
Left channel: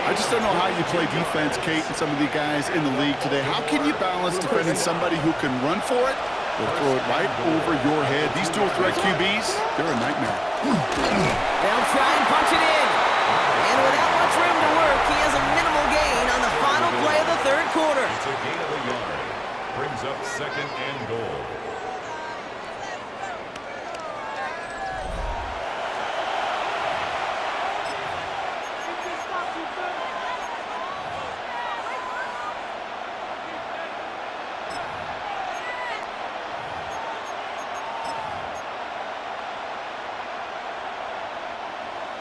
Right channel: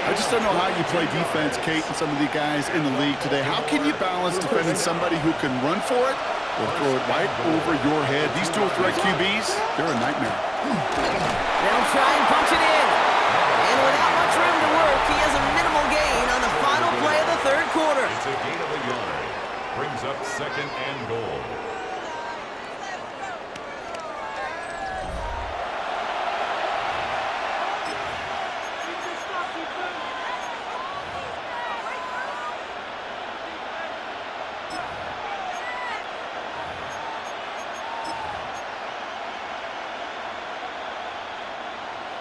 I just don't know how you play defense, Kate, and some of the guys in the league today. How can you balance defending somebody who can run for it or throw it right over your head? These dual threat QBs, they're a nightmare. They'll try and punch it in. And without much room to work, he has a minimal gain on the final play of the 3rd quarter. It's a gain of a yard. Brings up 2nd and goal.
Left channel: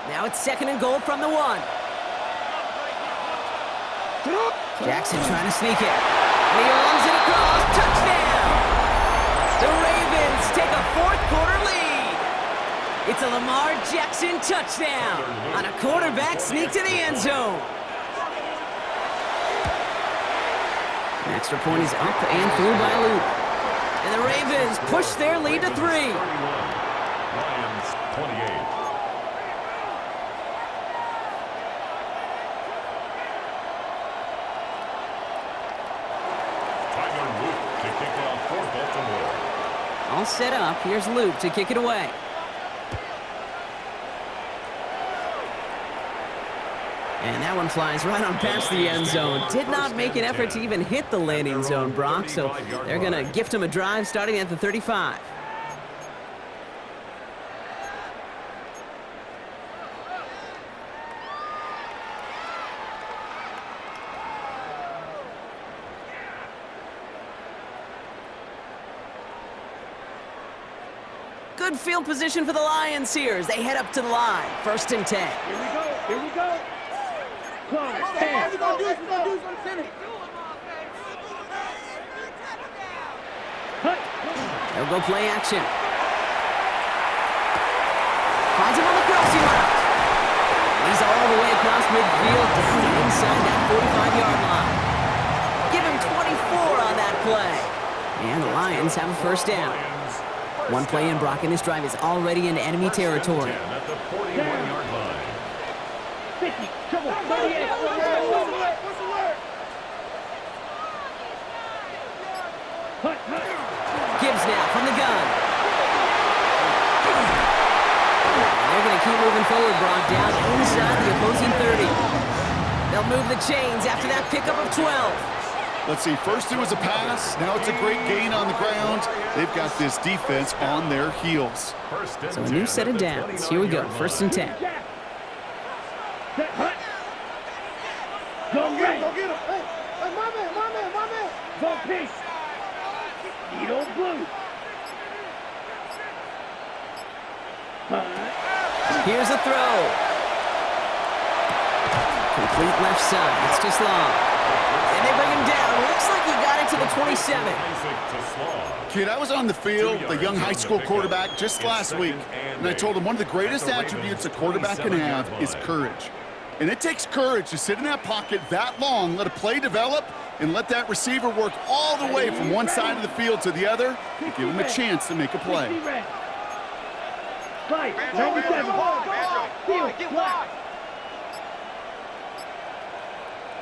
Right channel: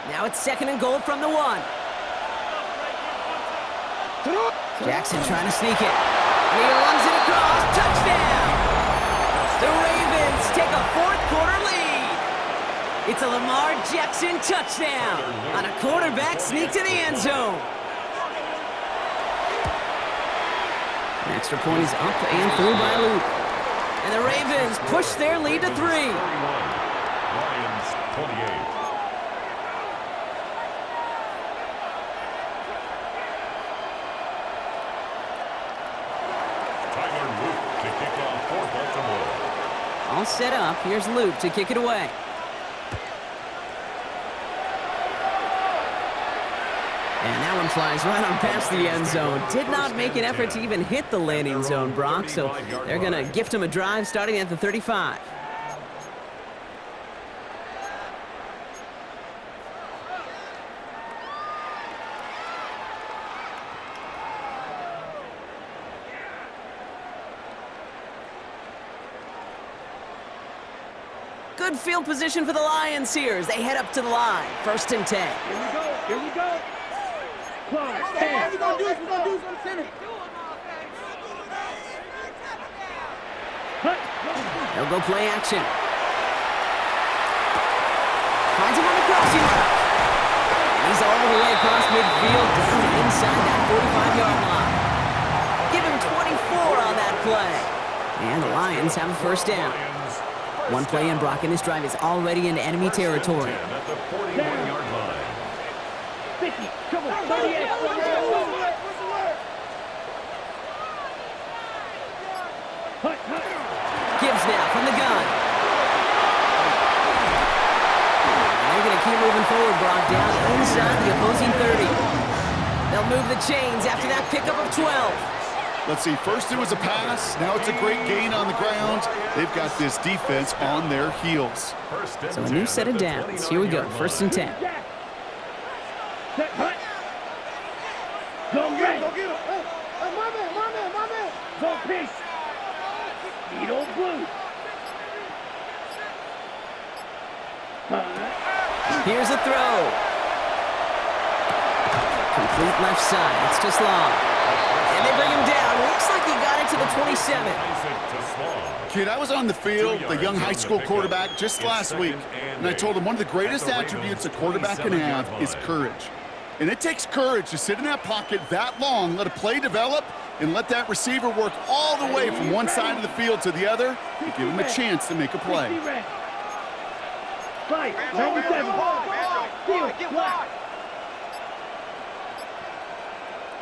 Now it's 2nd and goal from the 1. Jackson trying to sneak it. And he runs it across. Touchdown! The Ravens take a 4th quarter lead. It's a Lamar Jackson touchdown on a quarterback sneak to the end zone. An extra point is up and through by a loop. And the Ravens push their lead to 3. 31. Lions 28. Tyler Luke for Baltimore. All set up. Here's Luke to kick it away. And that one flies right on past the end zone. Did not make an effort to even hit the landing zone, Brock, so they're going to gift him a drive starting at the 35. Good field position for the Lions here as they head up to the line. 1st and 10. Here we go. Here we go. Clock. What we gonna do is center. Hut. They'll go play action. Finds him on the crossing route. And he's all the way across midfield down inside that 45-yard line. Give him 24 on that play. And the Lions have a 1st down. One play in, Brock, and this drive is already into enemy territory. At the 41-yard line. 50. Trouble. 38. Hut. Gibbs now from the gun. And they're going to keep moving forward, Brock, down inside the opposing 30. They'll move the chains after that pickup of 12. Let's see, first it was a pass, now it's a great gain on the ground. They've got this defense on their heels. So a new set of downs. Here we go, 1st and 10. Jack. Set. Hut. Go red. Go get him. Hey, my man. Go pink. Needle blue. Hut. Here's a throw. Complete left side. It's just long. And they bring him down. Looks like he got it to the 27. Kid, I was on the field, the young high school quarterback, just last week, and I told him one of the greatest attributes a quarterback can have is courage. And it takes courage to sit in that pocket that long, let a play develop, and let that receiver work all the way from one side of the field to the other and give him a chance to make a play. 60 red. Fight. 97. Field. Block.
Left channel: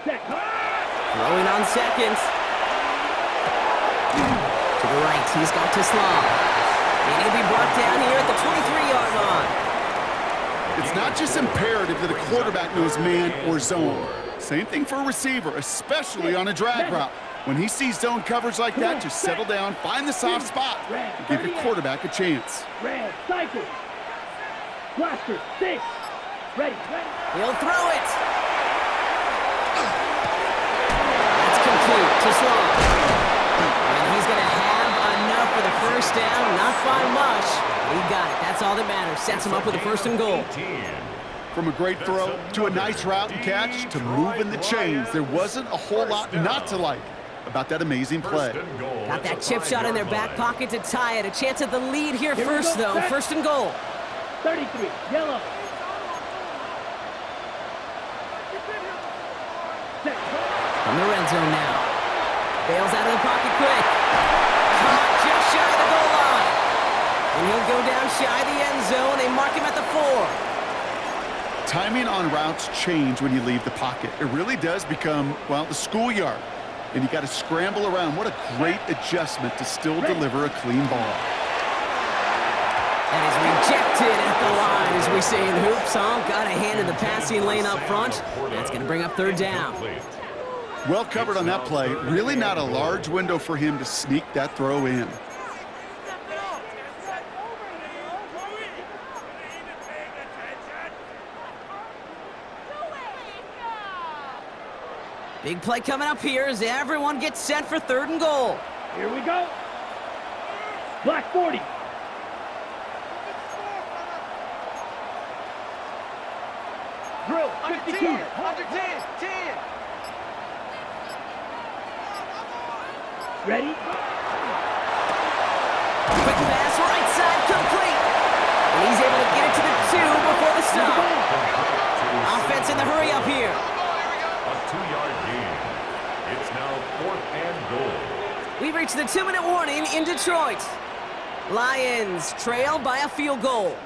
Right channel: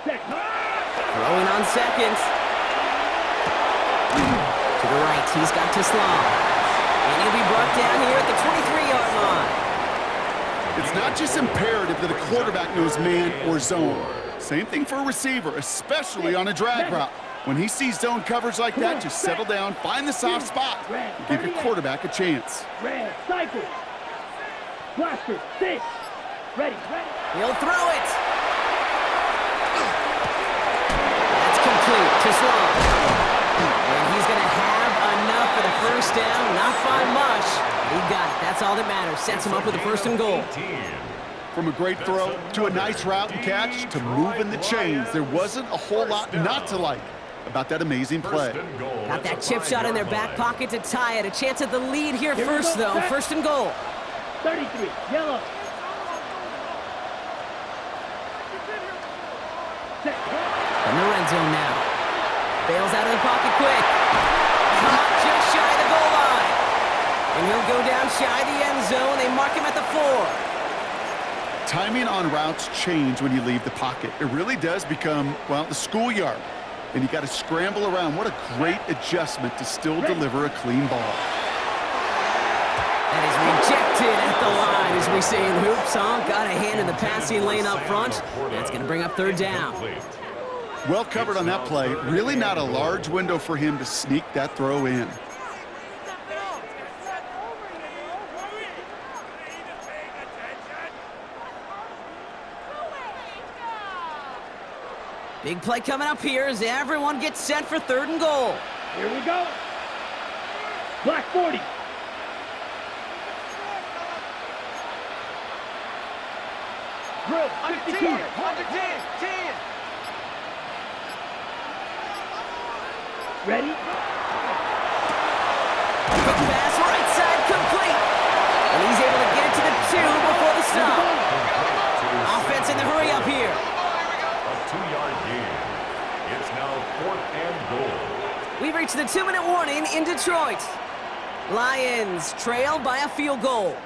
Set. Throwing on seconds. To the right, he's got Teslam. And he'll be brought down here at the 23-yard line. It's not just imperative that a quarterback knows man or zone. Same thing for a receiver, especially on a drag route. When he sees zone coverage like that, just settle down, find the soft spot, and give your quarterback a chance. Red. Cycle. Blaster. 6. Ready. He'll throw it. That's complete. Teslam. And he's going to have enough for the 1st down. Not by much. He got it. That's all that matters. Sets him up with a 1st and goal. From a great throw to a nice route and catch to moving the chains, there wasn't a whole lot not to like about that amazing play. Got that chip shot in their back pocket to tie it. A chance at the lead here first, though. 1st and goal. 33. Yellow. Set. From the red zone now. Bails out of the pocket quick. Caught just shy of the goal line. And he'll go down shy of the end zone. They mark him at the 4. Timing on routes change when you leave the pocket. It really does become, well, the schoolyard. And you got to scramble around. What a great adjustment to still deliver a clean ball. That is rejected at the line, as we say in hoops, huh? Got a hand in the passing lane up front. That's going to bring up 3rd down. Well covered on that play. Really not a large window for him to sneak that throw in. Big play coming up here as everyone gets set for 3rd and goal. Here we go. Black 40. Drill. 52. Under 10. Ready? Quick pass, right side, complete. And he's able to get it to the 2 before the stop. Offense in the hurry up here. A 2-yard gain. It's now 4th and goal. We've reached the 2-minute warning in Detroit. Lions trail by a field goal.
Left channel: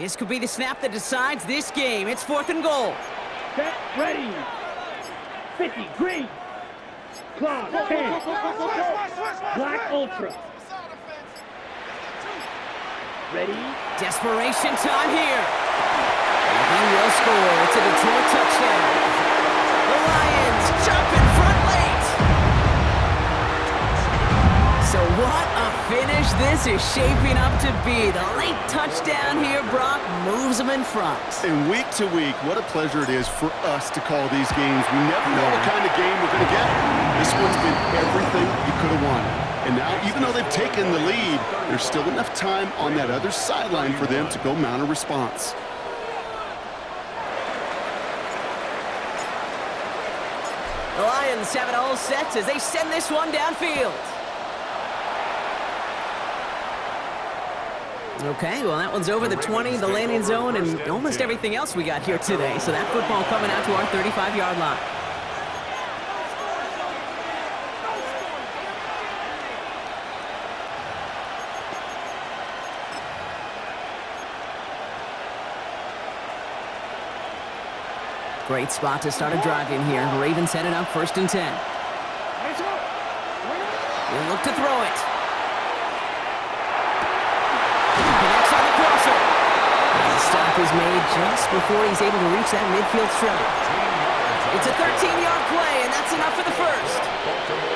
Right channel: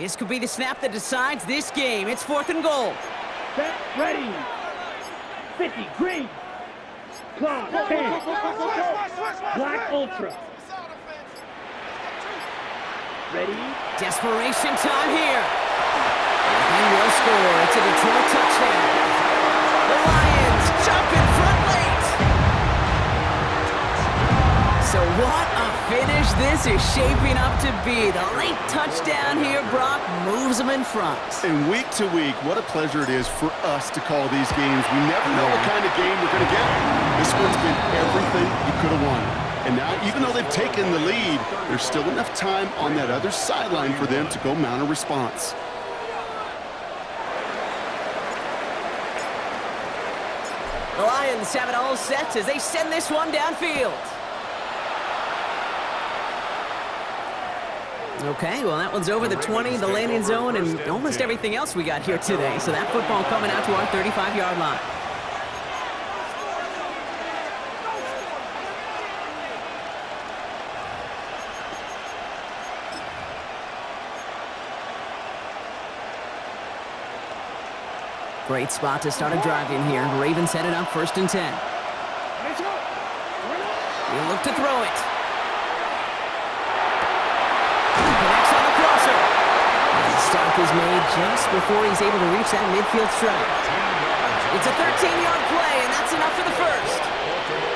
This could be the snap that decides this game. It's 4th and goal. Set, ready. 50, green. Clock, 10. Black Ultra. Ready. Desperation time here. And he will score. It's a Detroit touchdown. The Lions jump in front late. So what a finish this is shaping up to be. The late touchdown here, Brock, moves them in front. And week to week, what a pleasure it is for us to call these games. We never know what kind of game we're going to get. This one's been everything you could have wanted. And now, even though they've taken the lead, there's still enough time on that other sideline for them to go mount a response. The Lions have it all set as they send this one downfield. Okay, well, that one's over the 20, the landing zone, and almost everything else we got here today. So that football coming out to our 35-yard line. Great spot to start a drive in here. The Ravens headed up 1st and 10. He'll look to throw it. Connects on the crosser. And the stop is made just before he's able to reach that midfield strike. It's a 13-yard play, and that's enough for the first.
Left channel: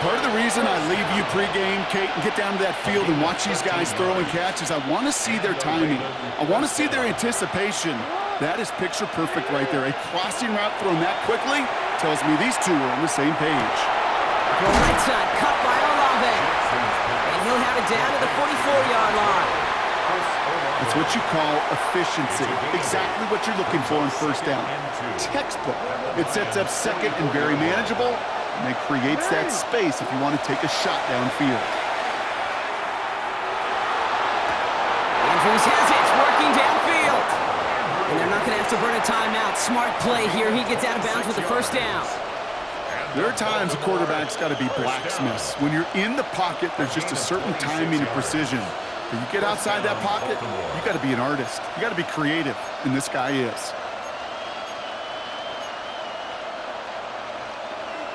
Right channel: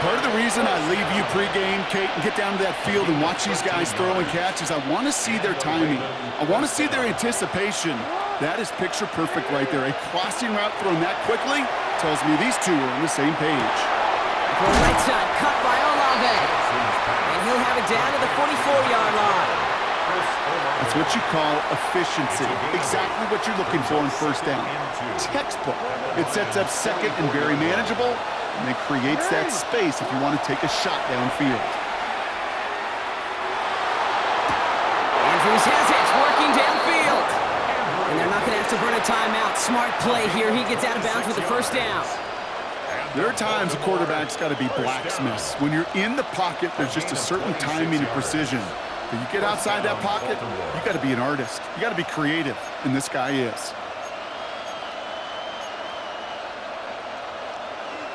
Part of the reason I leave you pregame, Kate, and get down to that field and watch these guys throw and catch is I want to see their timing. I want to see their anticipation. That is picture perfect right there. A crossing route thrown that quickly tells me these two are on the same page. Throw right side, cut by Olave. And he'll have it down to the 44-yard line. That's what you call efficiency. Exactly what you're looking for in 1st down. Textbook. It sets up 2nd and very manageable, and it creates that space if you want to take a shot downfield. Andrews has it, working downfield. And they're not going to have to burn a timeout. Smart play here. He gets out of bounds with the 1st down. There are times a quarterback's got to be blacksmiths. When you're in the pocket, there's just a certain timing and precision. But you get outside that pocket, you got to be an artist. You got to be creative, and this guy is.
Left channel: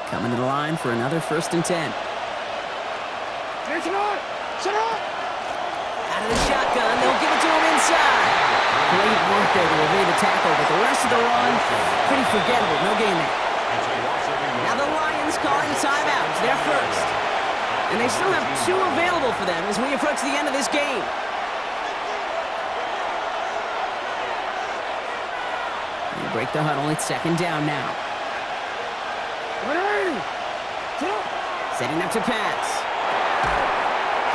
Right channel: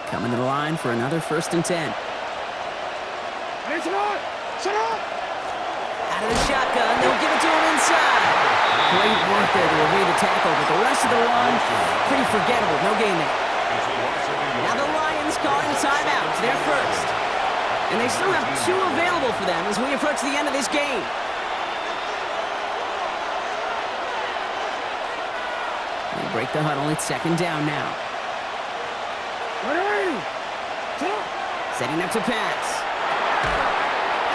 Coming to the line for another 1st and 10. Out of the shotgun, they'll give it to him inside. Great work there to evade the tackle, but the rest of the run, pretty forgettable. No gain there. Now the Lions calling a timeout. They're first. And they still have 2 available for them as we approach the end of this game. They break the huddle. It's 2nd down now. Setting up to pass.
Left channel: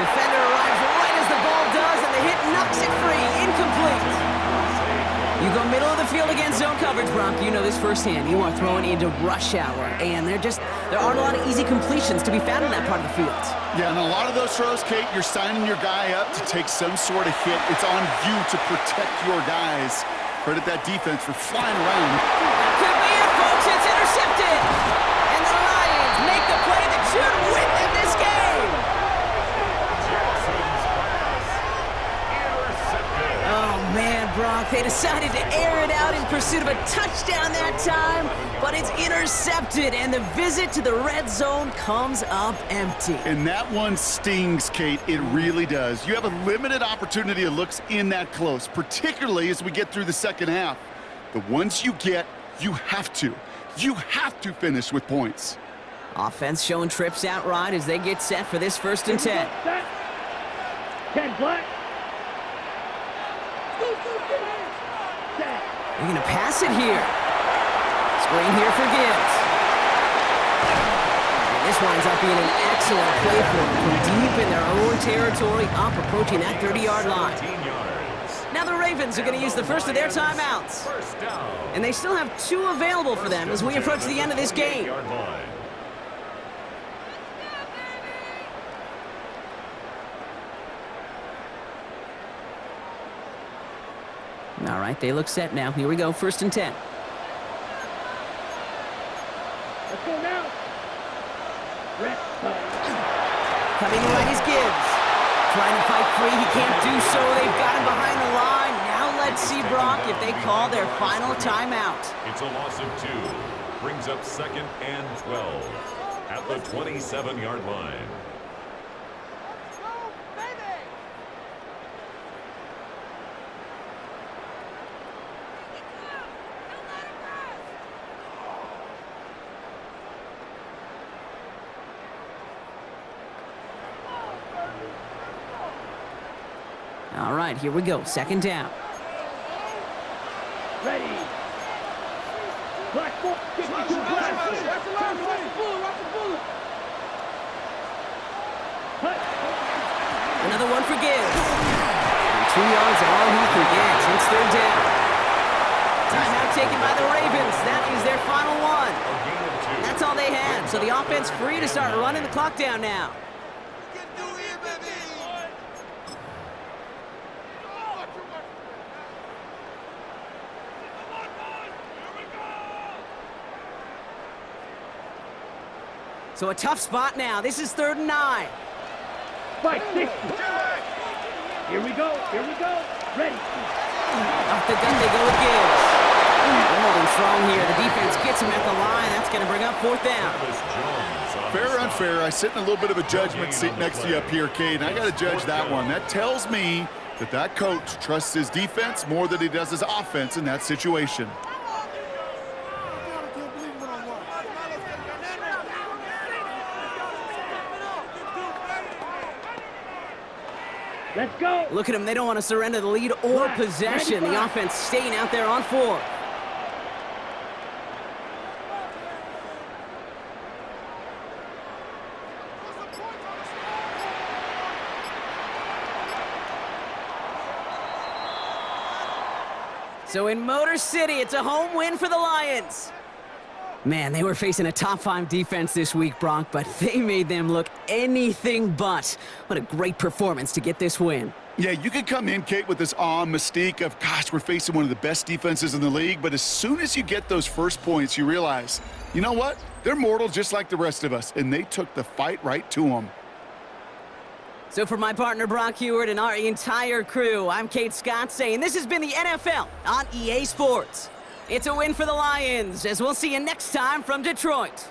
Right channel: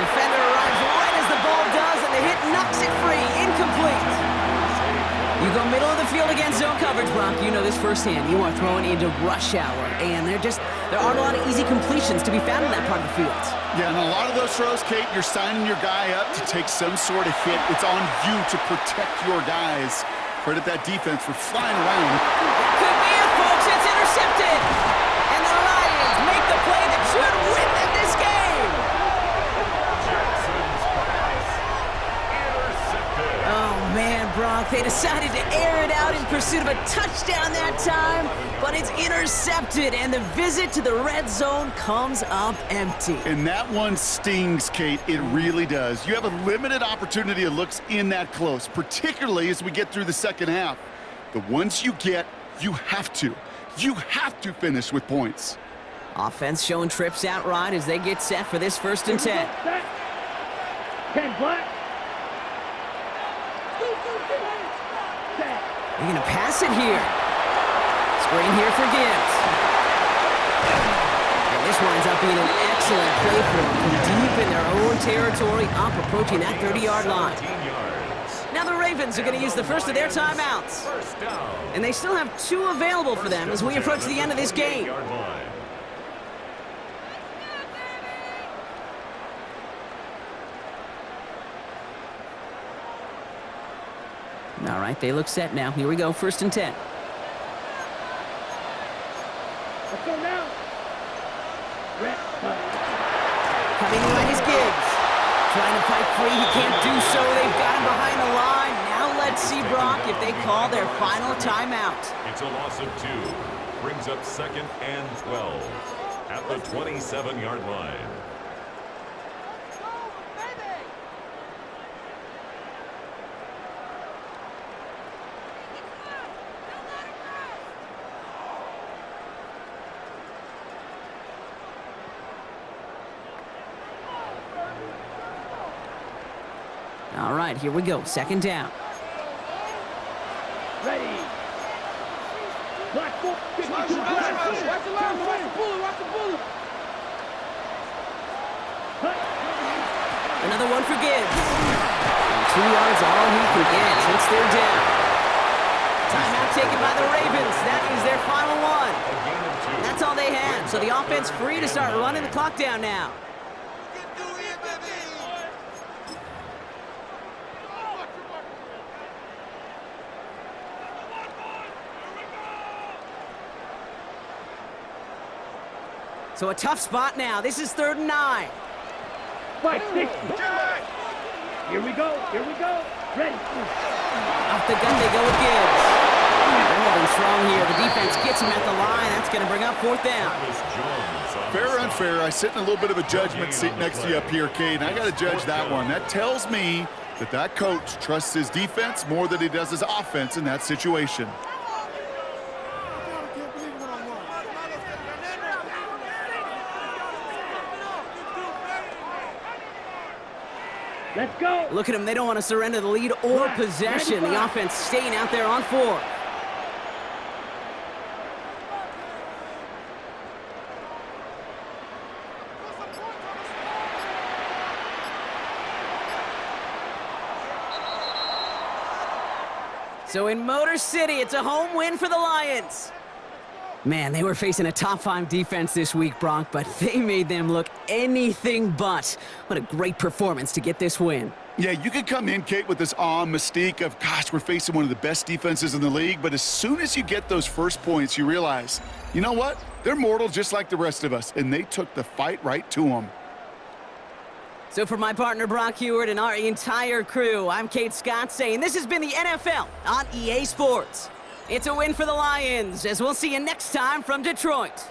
Defender arrives right as the ball does, and the hit knocks it free. Incomplete. You go middle of the field against zone coverage, Brock. You know this firsthand. You are throwing into rush hour, and there aren't a lot of easy completions to be found in that part of the field. Yeah, and a lot of those throws, Kate, you're signing your guy up to take some sort of hit. It's on you to protect your guys. Credit that defense for flying around. That could be it, folks. It's intercepted. And the Lions make the play that should win them this game. Oh, man, Brock, they decided to air it out in pursuit of a touchdown that time, but it's intercepted, and the visit to the red zone comes up empty. And that one stings, Kate. It really does. You have a limited opportunity of looks in that close, particularly as we get through the 2nd half. The ones you get, you have to finish with points. Offense showing trips out right as they get set for this 1st and 10. 10 black. They're going to pass it here. Screen here for Gibbs. And this winds up being an excellent play for them from deep in their own territory, up approaching that 30-yard line. Now the Ravens are going to use the first of their timeouts. And they still have 2 available for them as we approach the end of this game. All right, they look set now. Here we go, 1st and 10. Let's go now. Coming right is Gibbs. Trying to fight free, he can't do so. They've got him behind the line. Now let's see, Brock, if they call their final timeout. It's a loss of 2. Brings up 2nd and 12 at the 27-yard line. All right, here we go. 2nd down. Ready. Black ball. Watch the line, watch the bullet, watch the bullet. Cut. Another one for Gibbs. And 2 yards all he can get. It's 3rd down. Timeout taken by the Ravens. That is their final one. A gain of 2. That's all they had, so the offense free to start running the clock down now. So a tough spot now. This is 3rd and 9. 560. Here we go. Ready. Off the gun they go with Gibbs. They're holding strong here. The defense gets him at the line. That's going to bring up 4th down. Fair or unfair, I sit in a little bit of a judgment seat next to you up here, Cade, and I got to judge that one. That tells me that coach trusts his defense more than he does his offense in that situation. Let's go. Look at them. They don't want to surrender the lead or possession. The offense staying out there on 4. So in Motor City, it's a home win for the Lions. Man, they were facing a top 5 defense this week, Bronk, but they made them look anything but. What a great performance to get this win. Yeah, you could come in, Kate, with this awe and mystique of, gosh, we're facing one of the best defenses in the league, but as soon as you get those first points, you realize, you know what? They're mortal just like the rest of us, and they took the fight right to them. So for my partner, Brock Heward, and our entire crew, I'm Kate Scott saying this has been the NFL on EA Sports. It's a win for the Lions, as we'll see you next time from Detroit.